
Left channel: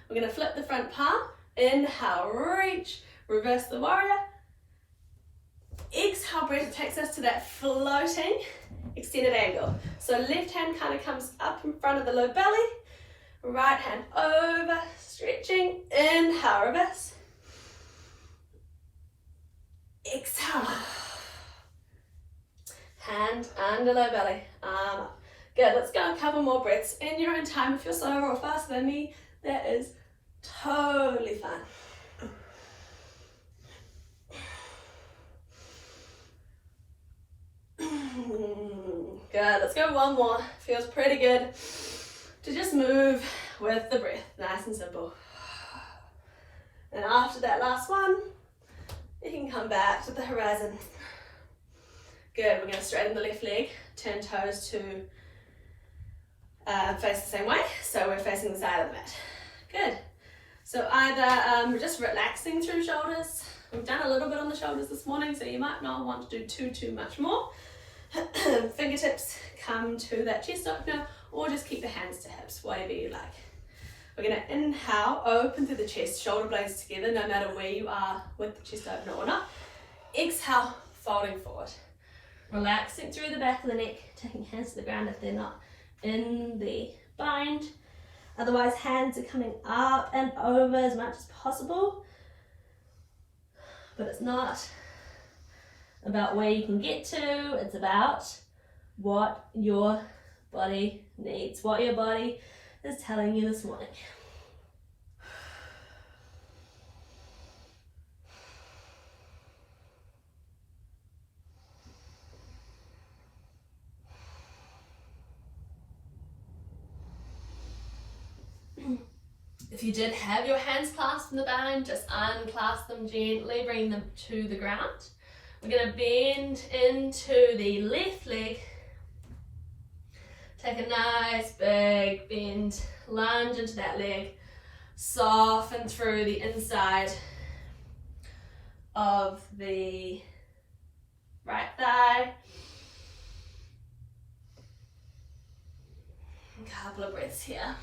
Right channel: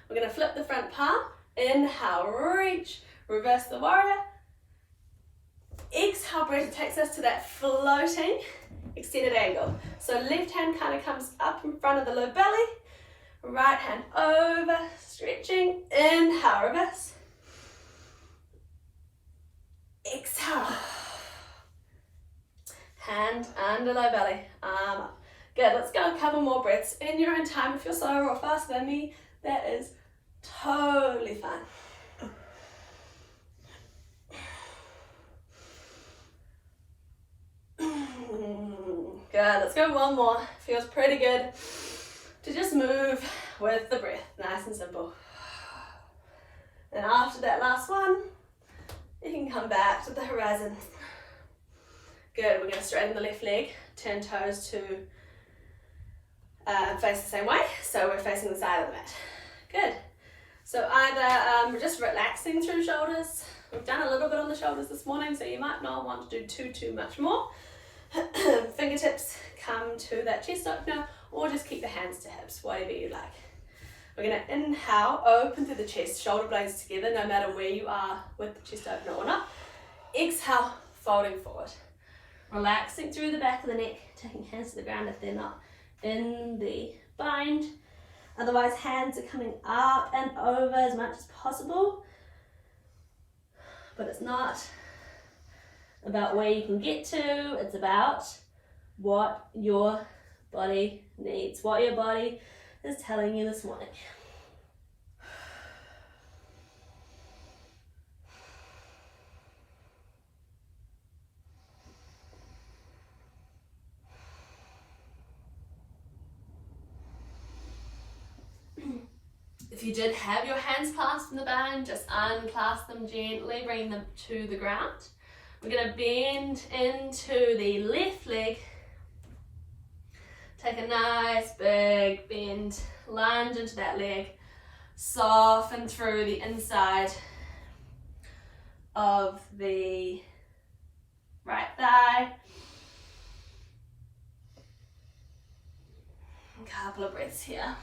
we're going to flip the front palm. Inhale, reach, reverse the warrior. Exhale, breath takes us to that floating extended angle. So left hand kind of comes up in front of the low belly. Right hand over, stretching. Inhale, reverse. Exhale. Hand under low belly, arm up. Good, let's go a couple more breaths in your own time. If you're slower or faster than me, that is totally fine. Good, let's go one more. Feels pretty good to just move with the breath, nice and simple. And after that last one, you can come back to the horizon. Good, we're going to straighten the left leg, turn toes to face the same way, so we're facing the side of the mat. Good. So either we're just relaxing through shoulders. We've done a little bit on the shoulders this morning, so you might not want to do too much more. Fingertips come to that chest opener, or just keep the hands to hips, whatever you like. We're going to inhale, open through the chest, shoulder blades together, no matter where you are with the chest opener or not. Exhale, folding forward. Relaxing through the back of the neck, taking hands to the ground if they're not in the bind. Otherwise, hands are coming up and over as much as possible. But it's not about where you can get to, it's about what your body needs, what your body is telling you this morning. If you did have your hands clasped in the bind, just unclasp them gently, bring them to the ground. We're going to bend into the left leg. Take a nice big bend, lunge into that leg, soften through the inside of the right thigh. A couple of breaths here.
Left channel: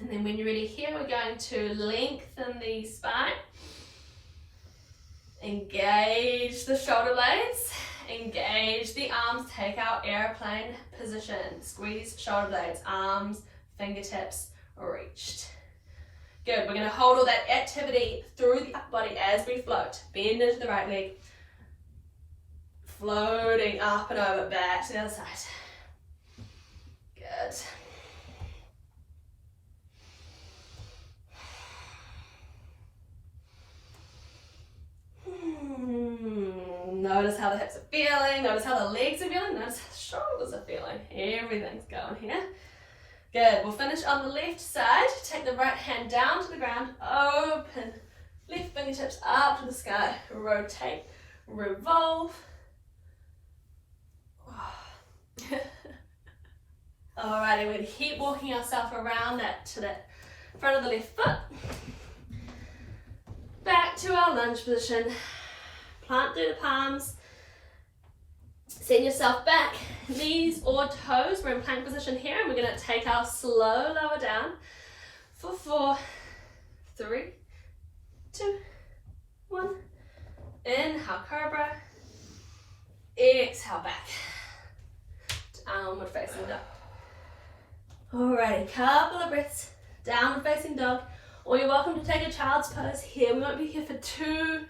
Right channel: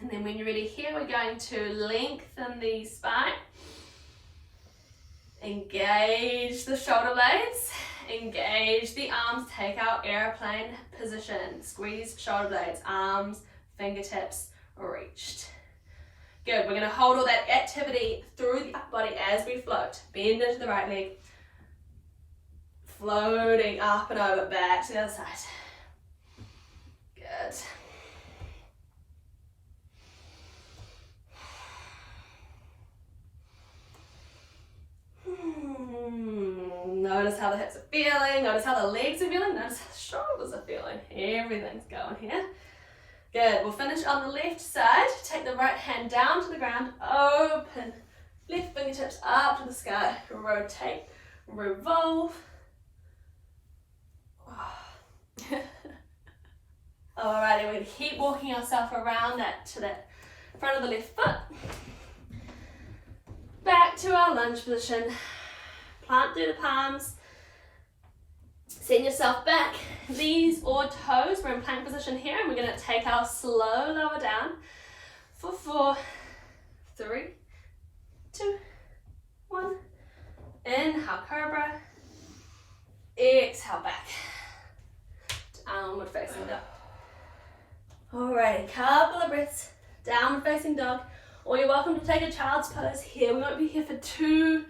And then when you're ready here, we're going to lengthen the spine. Engage the shoulder blades. Engage the arms. Take our airplane position. Squeeze shoulder blades, arms, fingertips reached. Good, we're gonna hold all that activity through the upper body as we float. Bend into the right leg. Floating up and over, back to the other side. Good. Notice how the hips are feeling, notice how the legs are feeling, notice how the shoulders are feeling. Everything's going here. Good, we'll finish on the left side. Take the right hand down to the ground, open, left fingertips up to the sky, rotate, revolve. Alrighty, we're going to keep walking ourselves around that to the front of the left foot. Back to our lunge position. Plant through the palms. Send yourself back, knees or toes. We're in plank position here, and we're going to take our slow lower down for 4, 3, 2, 1. Inhale, cobra. Exhale, back. Downward facing dog. Alrighty, couple of breaths. Downward facing dog. Or you're welcome to take a child's pose here. We won't be here for too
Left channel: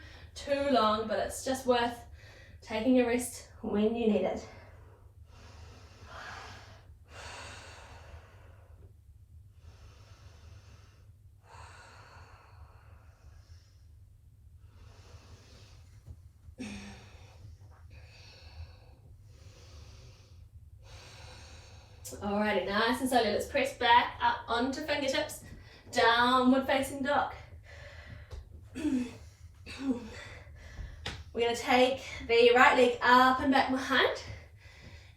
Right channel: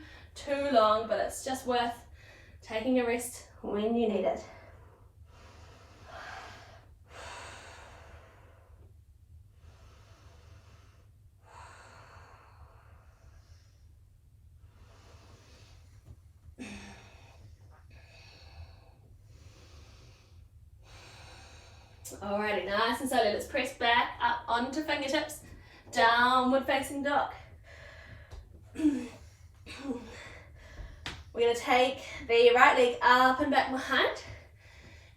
long, but it's just worth taking a rest when you need it. Alrighty, nice and slowly. Let's press back up onto fingertips. Downward facing dog. We're going to take the right leg up and back behind.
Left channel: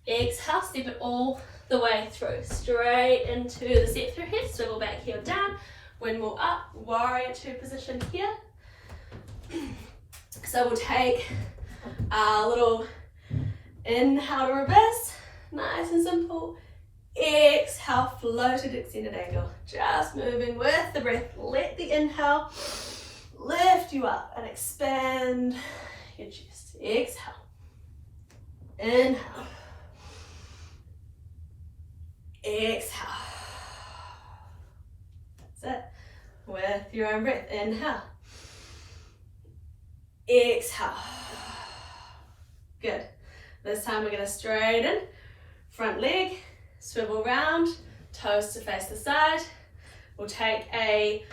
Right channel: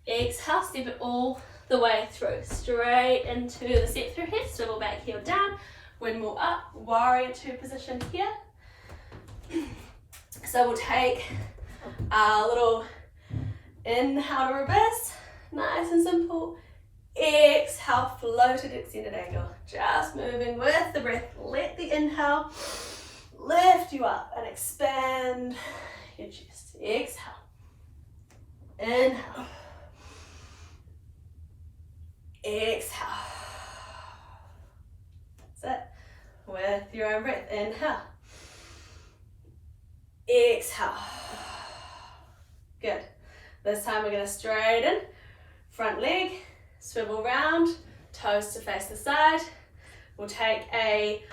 Exhale, step it all the way through. Straight into the step through here. Swivel back, heel down. Windmill up. Warrior 2 position here. So we'll take our little inhale to reverse. Nice and simple. Exhale, floated extended angle. Just moving with the breath. Let the inhale lift you up and expand your chest. Exhale. Inhale. Exhale. That's it. With your own breath. Inhale. Exhale. Good. This time we're going to straighten. Front leg. Swivel round, toes to face the side. We'll take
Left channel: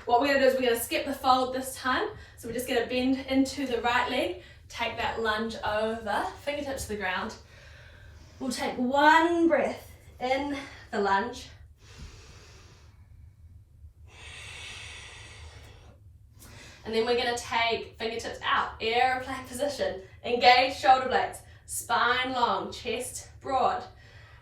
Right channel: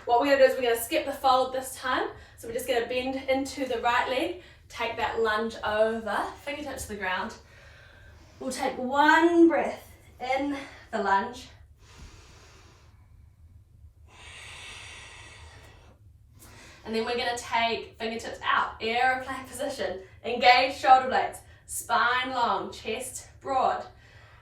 what we're going to do is we're going to skip the fold this time. So we're just going to bend into the right leg, take that lunge over, fingertips to the ground. We'll take one breath in the lunge. And then we're going to take fingertips out, aeroplane position, engage shoulder blades, spine long, chest broad.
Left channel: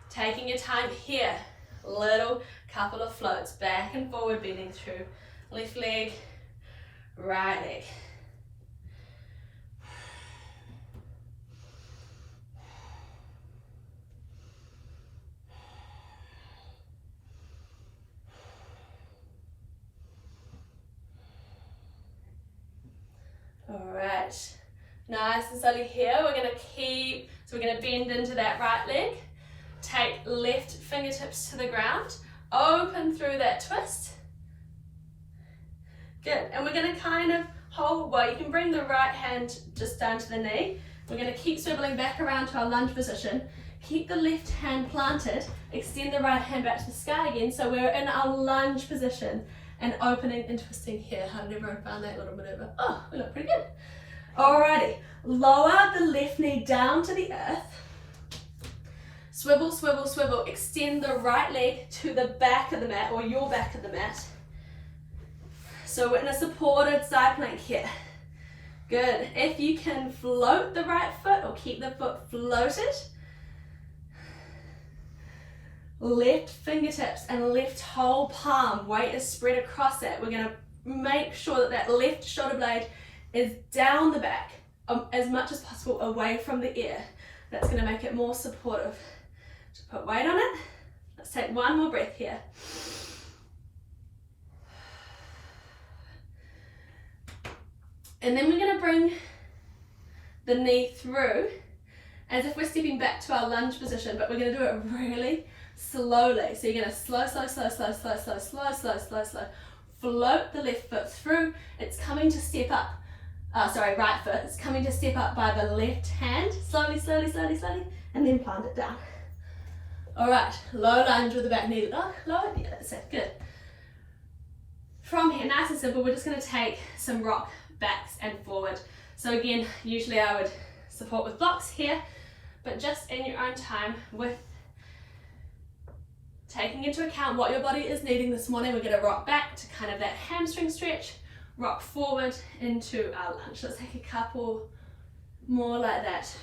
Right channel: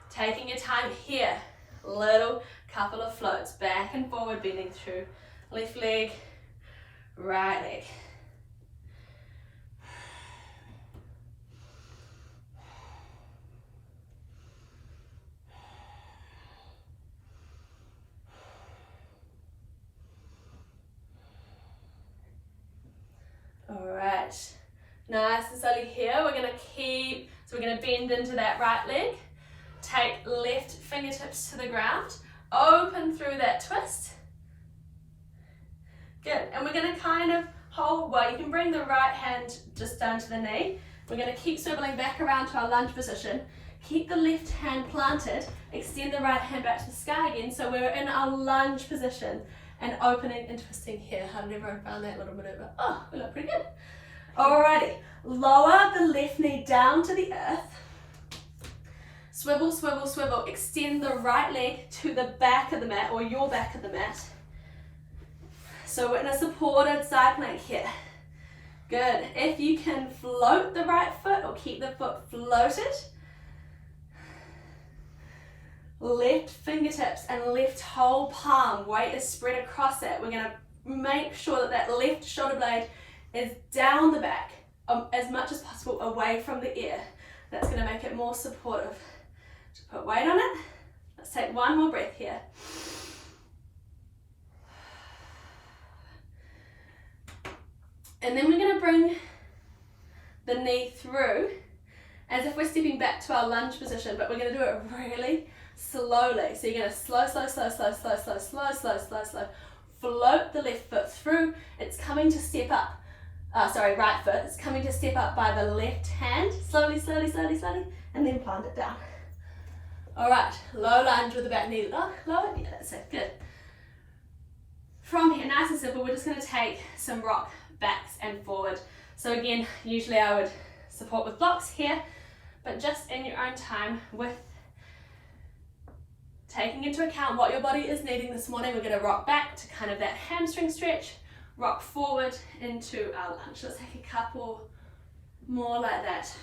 Taking your time here, little couple of floats, back and forward, bending through left leg, right leg. All right, nice and slowly here, we're going to bend into that right leg. Take left fingertips to the ground, open through that twist. Good, and we're going to kind of hold, well, you can bring the right hand just down to the knee. We're going to keep swiveling back around to our lunge position. Keep the left hand planted, extend the right hand back to the sky again, so we're in our lunge position and opening and twisting here. How did everyone find that little maneuver? Oh, we look pretty good. Alrighty, lower the left knee down to the earth. Swivel, swivel, swivel. Extend the right leg to the back of the mat or your back of the mat. So we're in a supported side plank here. Good. If you can float the right foot or keep the foot floated, left fingertips and left whole palm, weight is spread across it. We're going to make sure that that left shoulder blade is down the back as much as possible away from the ear. That's going to make it more supportive. Just put weight on it. Let's take one more breath here. And then we're going to bring the knee through as if we're stepping back to our lunge position, but we're going to do it really slowly. So you're going to slow, slow, slow, slow, slow, slow, slow, slow, slow, slow, slow. float the left foot through. It's coming to step up, right foot. It's coming to step up by the left hand. Slowly, slowly, slowly, slowly, and then plant it down. All right, low lunge with the back knee to dog. Lower, yeah, that's it, good. From here, nice and simple, we're just gonna take some rock backs and forward. So again, usually I would support with blocks here, but just in your own time with taking into account what your body is needing this morning, we're gonna rock back to kind of that hamstring stretch, rock forward into our lunge. Let's take a couple more like that.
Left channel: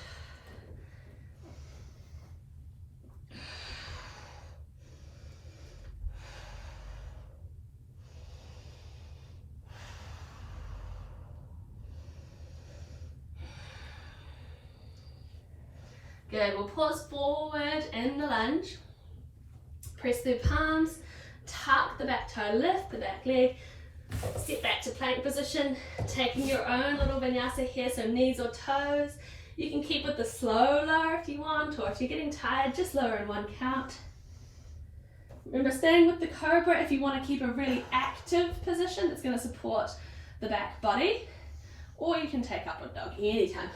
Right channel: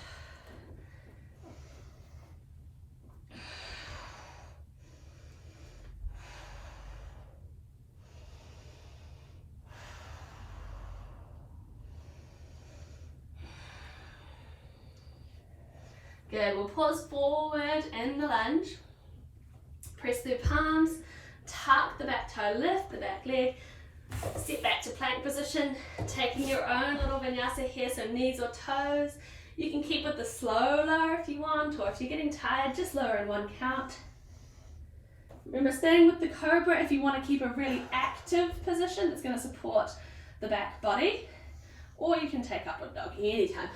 Good, we'll pause forward in the lunge. Press through palms, tuck the back toe, lift the back leg, step back to plank position, taking your own little vinyasa here, so knees or toes. You can keep with the slow lower if you want, or if you're getting tired, just lower in one count. Remember, staying with the cobra if you want to keep a really active position that's going to support the back body, or you can take upward dog anytime.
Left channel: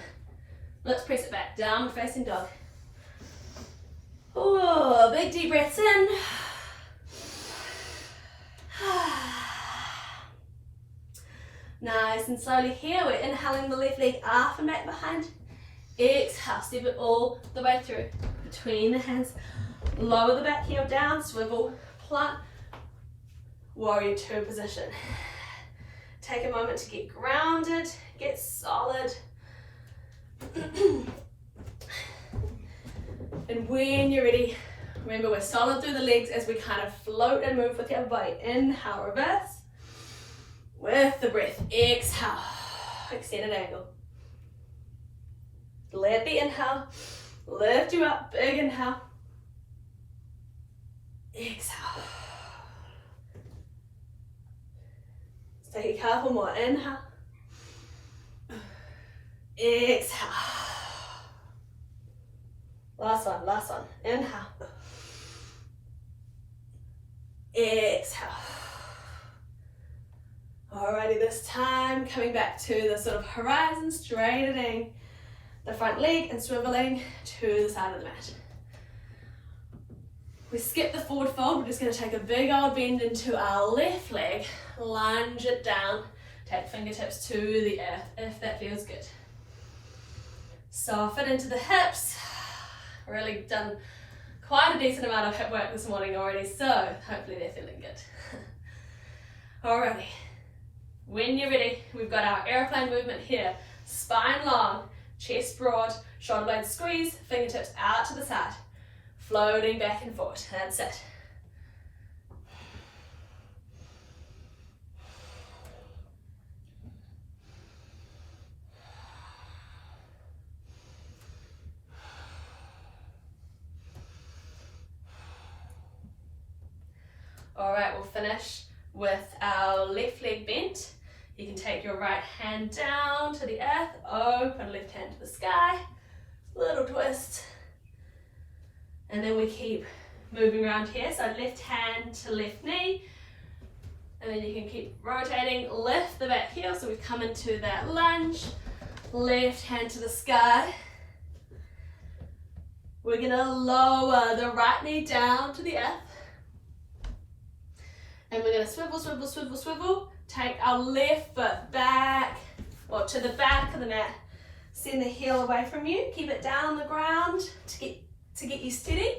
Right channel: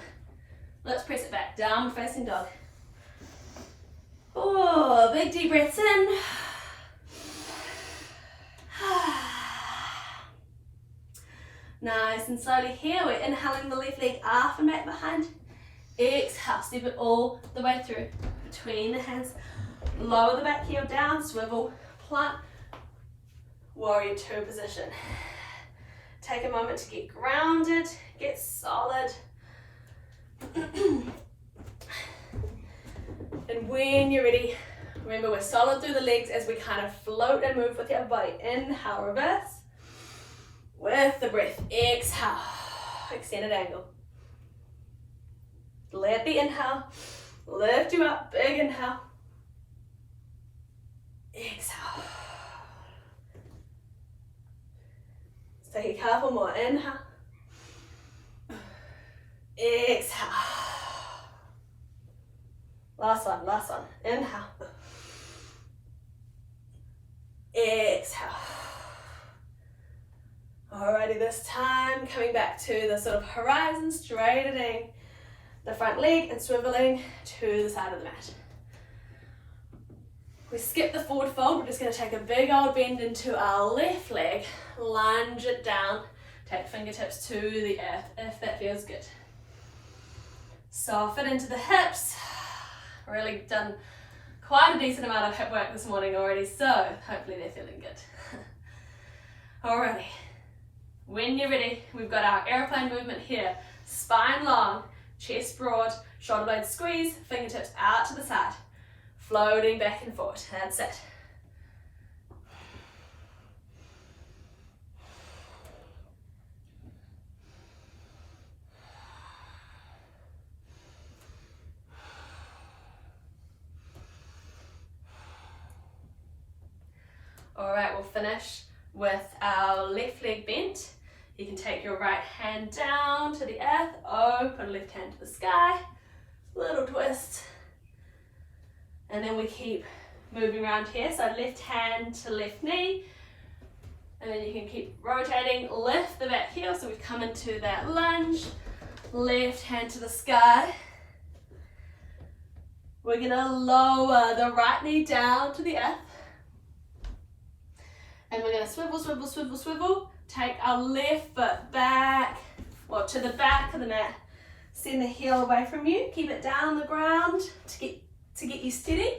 Let's press it back, down facing dog. Oh, big deep breaths in. Nice and slowly here, we're inhaling the left leg up and back behind. Exhale, step it all the way through, between the hands. Lower the back heel down, swivel, plant, warrior two position. Take a moment to get grounded, get solid. And when you're ready, remember we're solid through the legs as we kind of float and move with our body. Inhale, reverse. With the breath, exhale, extended angle. Let the inhale lift you up, big inhale. Exhale. Let's take a couple more, inhale. Exhale. Last one, inhale. Exhale. Alrighty, this time coming back to the sort of horizon, straightening the front leg and swiveling to the side of the mat. We skip the forward fold, we're just going to take a big old bend into our left leg, lunge it down, take fingertips to the earth if that feels good. Soften into the hips. Really done quite a decent amount of hip work this morning already, so hopefully they're feeling good. Alrighty, when you're ready, we've got our airplane movement here. Spine long, chest broad, shoulder blades squeeze, fingertips out to the side. Floating back and forth, that's it. All right, we'll finish with our left leg bent. You can take your right hand down to the earth, open left hand to the sky, little twist. And then we keep moving around here, so left hand to left knee. And then you can keep rotating, lift the back heel, so we've come into that lunge. Left hand to the sky. We're gonna lower the right knee down to the earth. And we're gonna swivel, swivel, swivel, swivel. Take our left foot back, or to the back of the mat. Send the heel away from you, keep it down the ground to get you steady,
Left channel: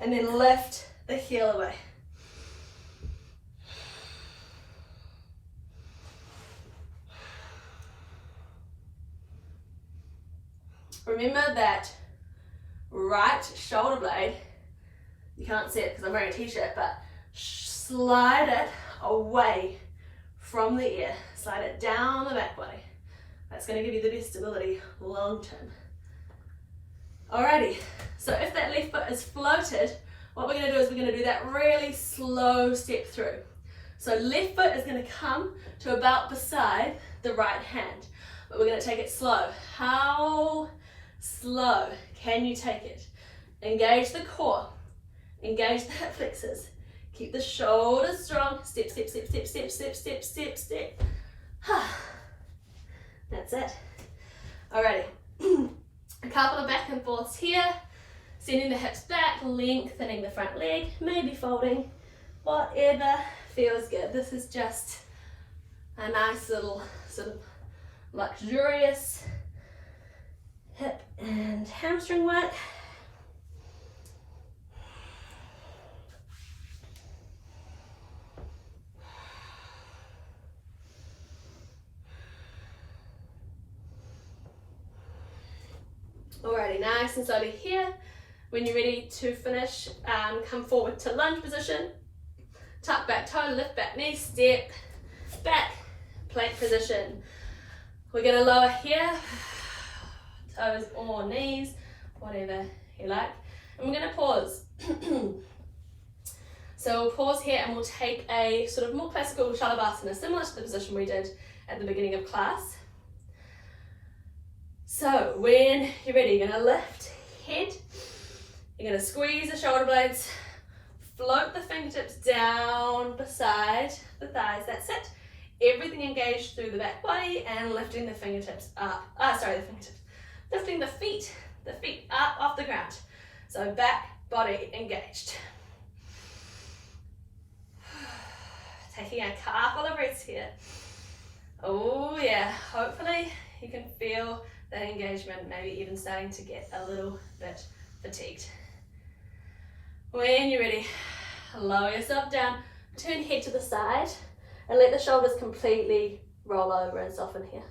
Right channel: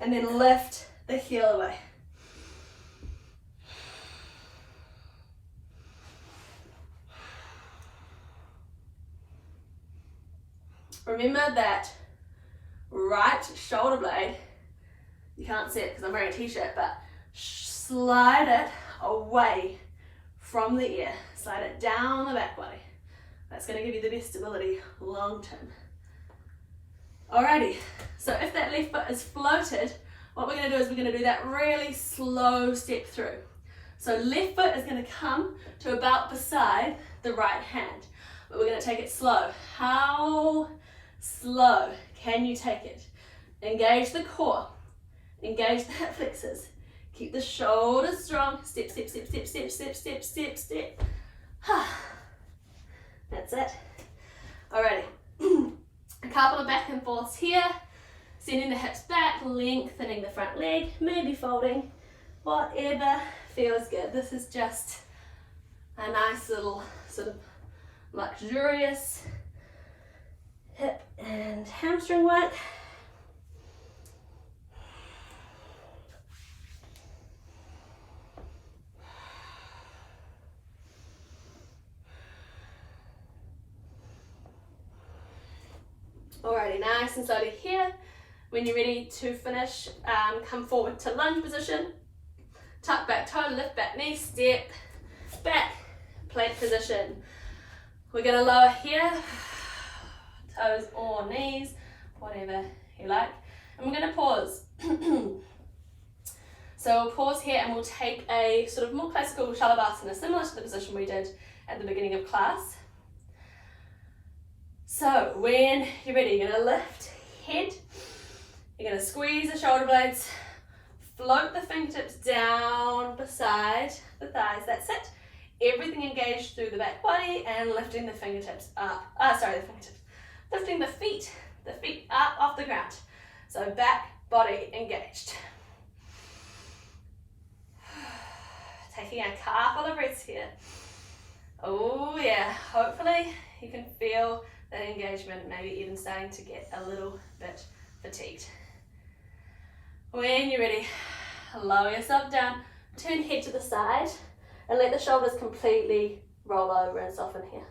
and then lift the heel away. Remember that right shoulder blade, you can't see it because I'm wearing a t-shirt, but slide it away from the ear, slide it down the back body. That's going to give you the best stability long term. Alrighty, so if that left foot is floated, what we're going to do is we're going to do that really slow step through. So left foot is going to come to about beside the right hand, but we're going to take it slow. How slow can you take it? Engage the core, engage the hip flexors, Keep the shoulders strong. Step, step, step, step, step, step, step, step, step. That's it. Alrighty. A couple of back and forths here. Sending the hips back, lengthening the front leg, maybe folding, whatever feels good. This is just a nice little sort of luxurious hip and hamstring work. Alrighty, nice and slowly here. When you're ready to finish, come forward to lunge position. Tuck back toe, lift back knee, step back, plank position. We're going to lower here, toes or knees, whatever you like. And we're going to pause. So we'll pause here and we'll take a sort of more classical Shalabhasana, similar to the position we did at the beginning of class. So when you're ready, you're going to lift head. You're going to squeeze the shoulder blades, float the fingertips down beside the thighs. That's it. Everything engaged through the back body and lifting the fingertips up. Lifting the feet up off the ground. So back body engaged. Taking a couple of breaths here. Oh yeah, hopefully you can feel that engagement, maybe even starting to get a little bit fatigued. When you're ready, lower yourself down, turn head to the side, and let the shoulders completely roll over and soften here.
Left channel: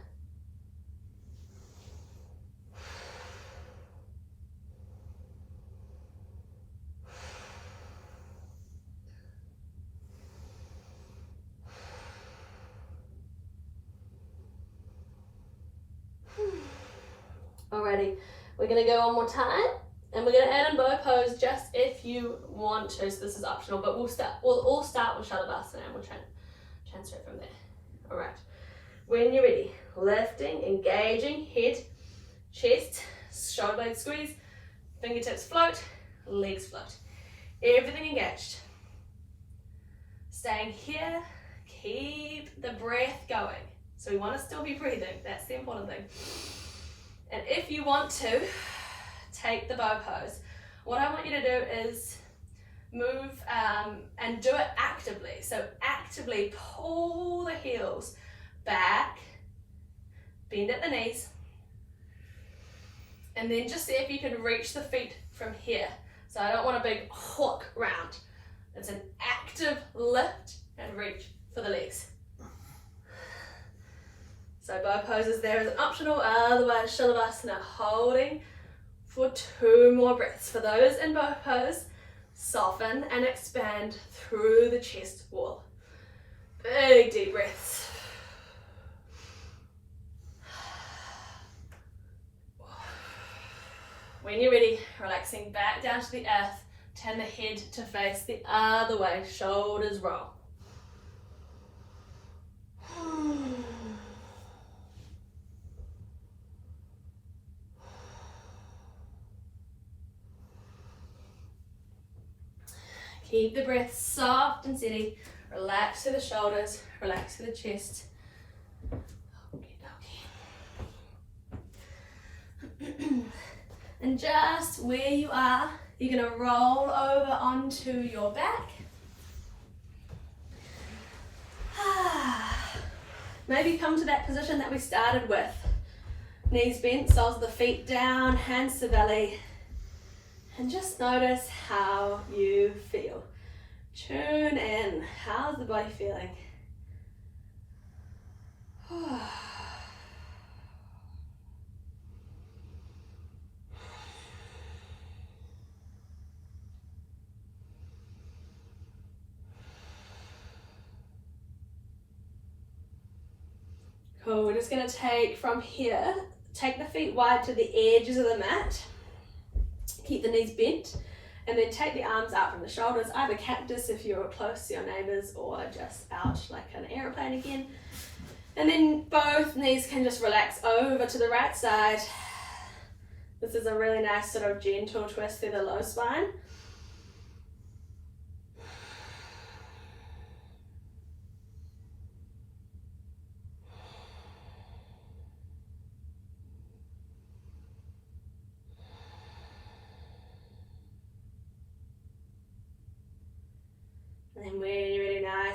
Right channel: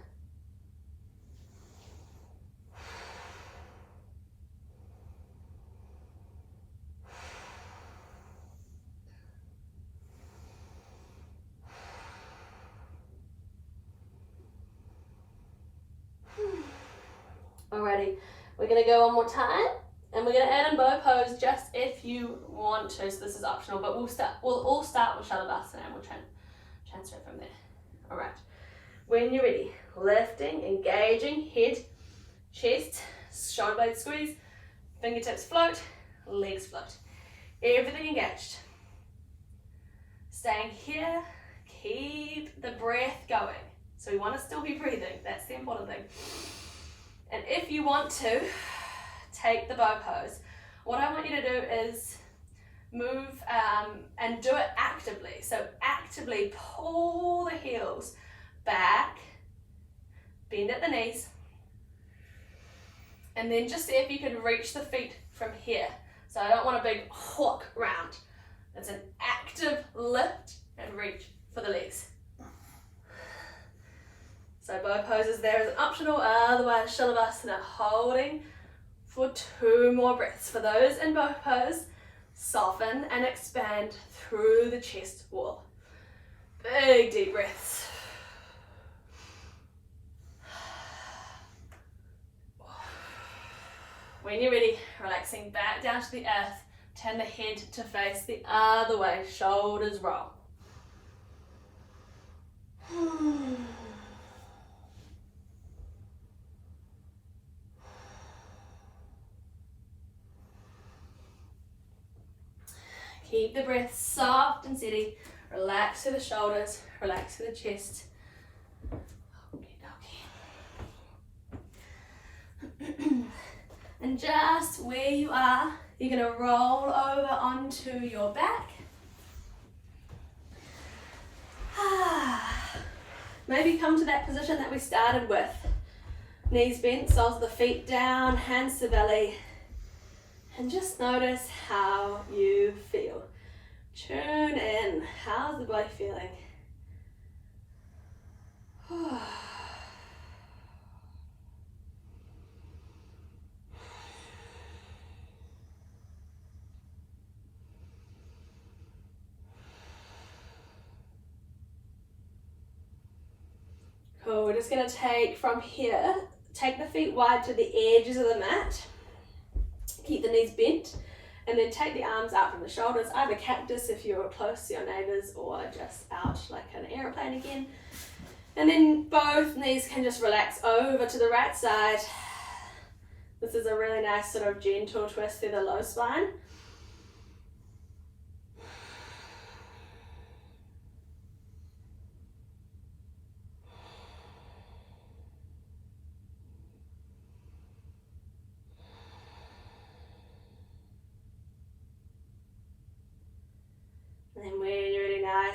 Alrighty, we're going to go one more time. And we're going to add in bow pose just if you want to, so this is optional, but we'll all start with Shalabhasana and we'll transfer from there. All right, when you're ready, lifting, engaging, head, chest, shoulder blades squeeze, fingertips float, legs float. Everything engaged. Staying here, keep the breath going. So we want to still be breathing, that's the important thing. And if you want to, take the bow pose. What I want you to do is move and do it actively. So actively pull the heels back, bend at the knees, and then just see if you can reach the feet from here. So I don't want a big hook round. It's an active lift and reach for the legs. So bow poses there is optional, otherwise Shalabhasana, holding for 2 more breaths. For those in bow pose, soften and expand through the chest wall. Big deep breaths. When you're ready, relaxing back down to the earth, turn the head to face the other way, shoulders roll. Keep the breath soft and steady. Relax to the shoulders, relax to the chest. And just where you are, you're going to roll over onto your back. Maybe come to that position that we started with. Knees bent, soles of the feet down, hands to belly. And just notice how you feel. Tune in. How's the body feeling? Cool, we're just going to take from here, take the feet wide to the edges of the mat. Keep the knees bent, and then take the arms out from the shoulders, either cactus if you're close to your neighbours, or just out like an aeroplane again. And then both knees can just relax over to the right side. This is a really nice sort of gentle twist through the low spine.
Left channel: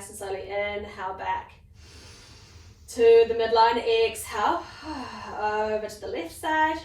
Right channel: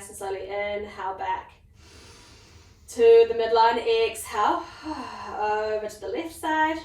nice and slowly. Inhale back to the midline. Exhale over to the left side.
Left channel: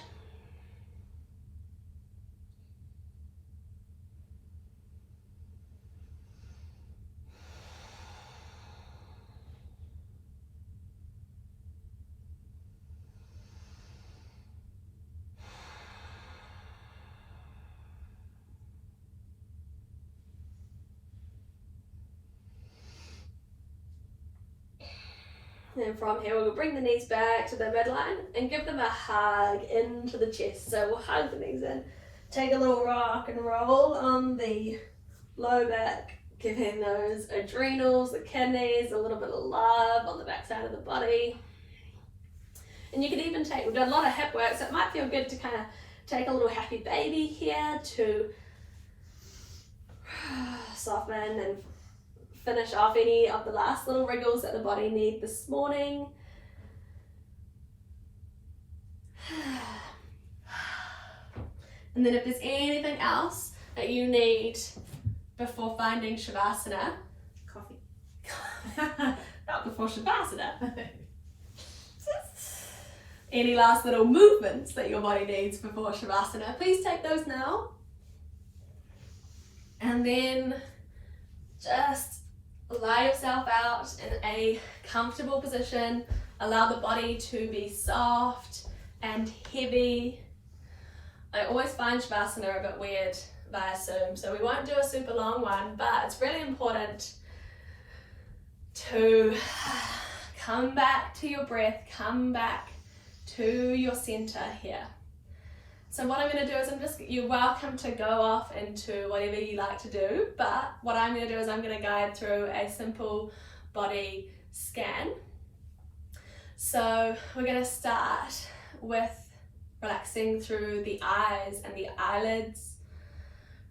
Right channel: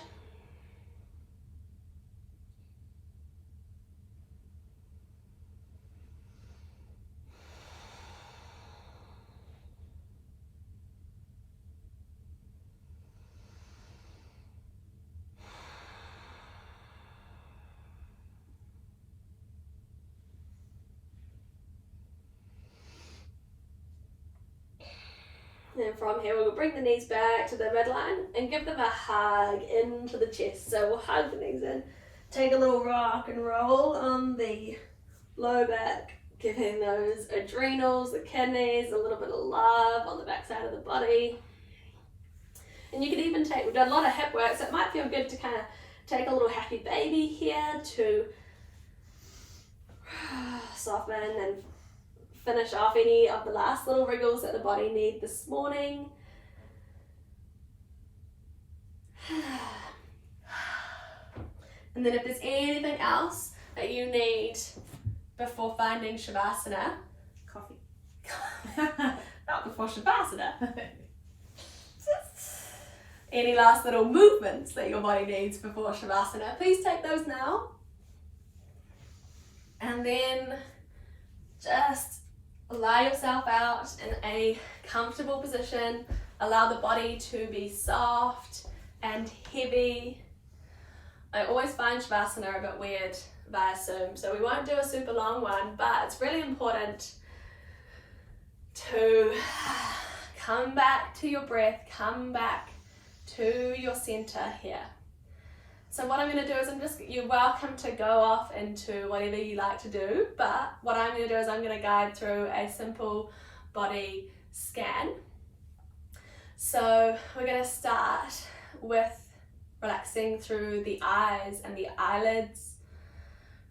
And from here, we'll bring the knees back to the midline and give them a hug into the chest. So we'll hug the knees in, take a little rock and roll on the low back, giving those adrenals, the kidneys, a little bit of love on the back side of the body. And you can even take, we've done a lot of hip work, so it might feel good to kind of take a little happy baby here to soften and finish off any of the last little wriggles that the body needs this morning. And then if there's anything else that you need before finding Shavasana, Coffee. not before Shavasana, any last little movements that your body needs before Shavasana, please take those now. And then just allow yourself out in a comfortable position. Allow the body to be soft and heavy. I always find Shavasana a bit weird via Zoom, so we won't do a super long one, but it's really important to come back to your breath, come back to your center here. So what I'm going to do is you're welcome to go off into whatever you like to do, but what I'm going to do is I'm going to guide through a simple body scan. So we're going to start with relaxing through the eyes and the eyelids,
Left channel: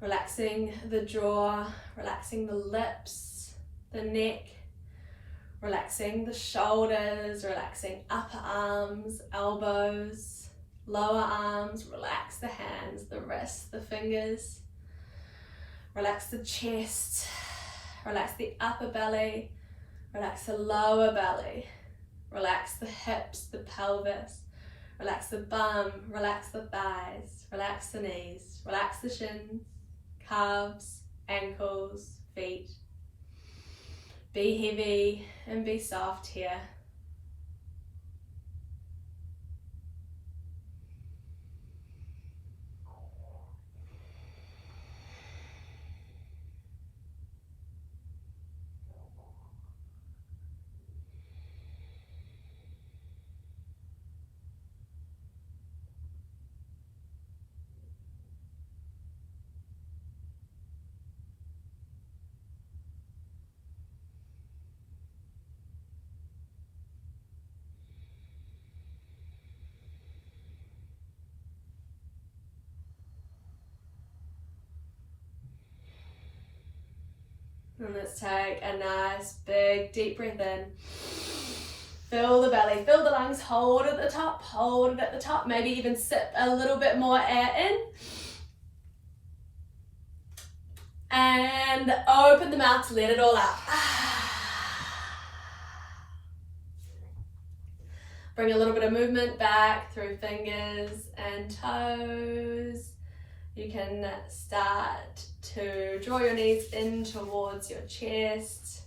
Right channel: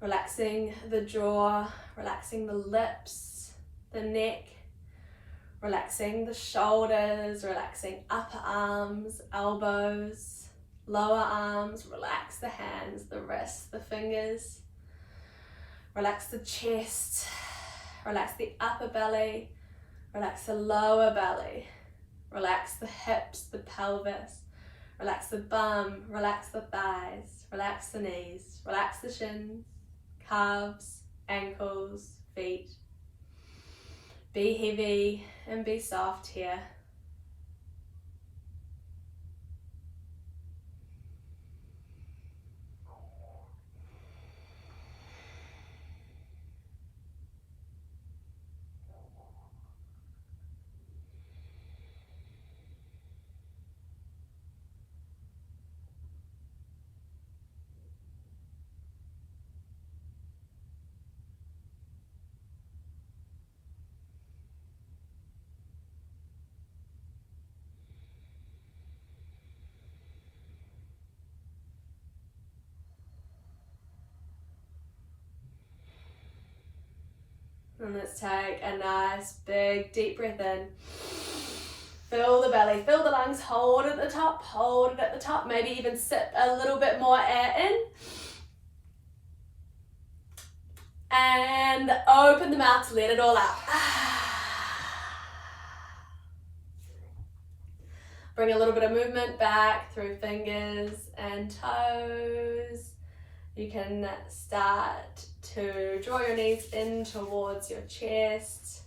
relaxing the jaw, relaxing the lips, the neck, relaxing the shoulders, relaxing upper arms, elbows, lower arms, relax the hands, the wrists, the fingers, relax the chest, relax the upper belly, relax the lower belly, relax the hips, the pelvis, relax the bum, relax the thighs, relax the knees, relax the shins, calves, ankles, feet. Be heavy and be soft here. And let's take a nice big deep breath in. Fill the belly, fill the lungs, hold it at the top, hold it at the top. Maybe even sip a little bit more air in. And open the mouth to let it all out. Bring a little bit of movement back through fingers and toes. You can start to draw your knees in towards your chest.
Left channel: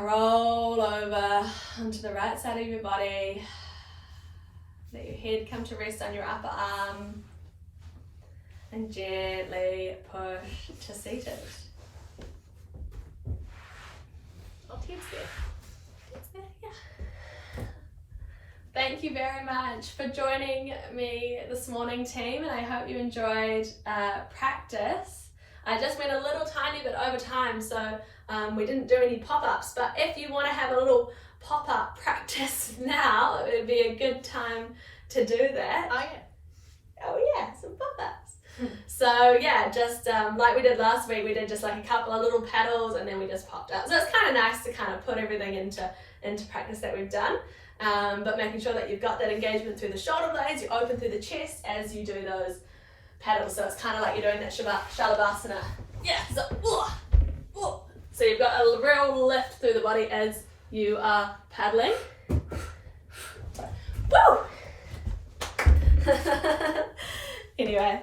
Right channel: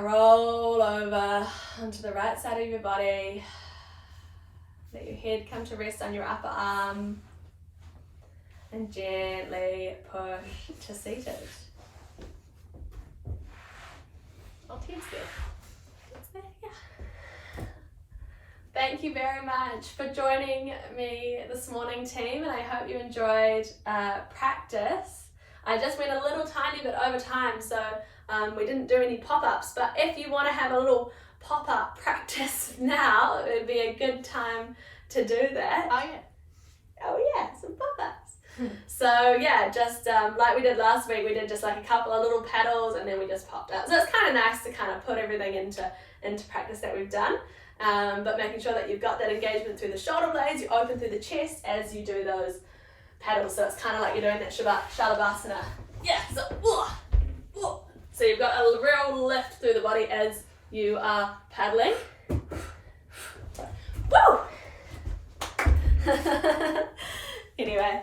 Roll over onto the right side of your body. Let your head come to rest on your upper arm. And gently push to seated. Oh, Ted's there. Ted's there, yeah. Thank you very much for joining me this morning, team, and I hope you enjoyed practice. I just went a little tiny bit over time, so we didn't do any pop-ups, but if you want to have a little pop-up practice now, it would be a good time to do that. Oh yeah, some pop-ups. So yeah, just like we did last week, we did just like a couple of little pedals and then we just popped up. So it's kind of nice to kind of put everything into practice that we've done. But making sure that you've got that engagement through the shoulder blades, you open through the chest as you do those pedals. So it's kind of like you're doing that Shalabhasana. Yeah, so So you've got a real lift through the body as you are paddling. Woo! Anyway,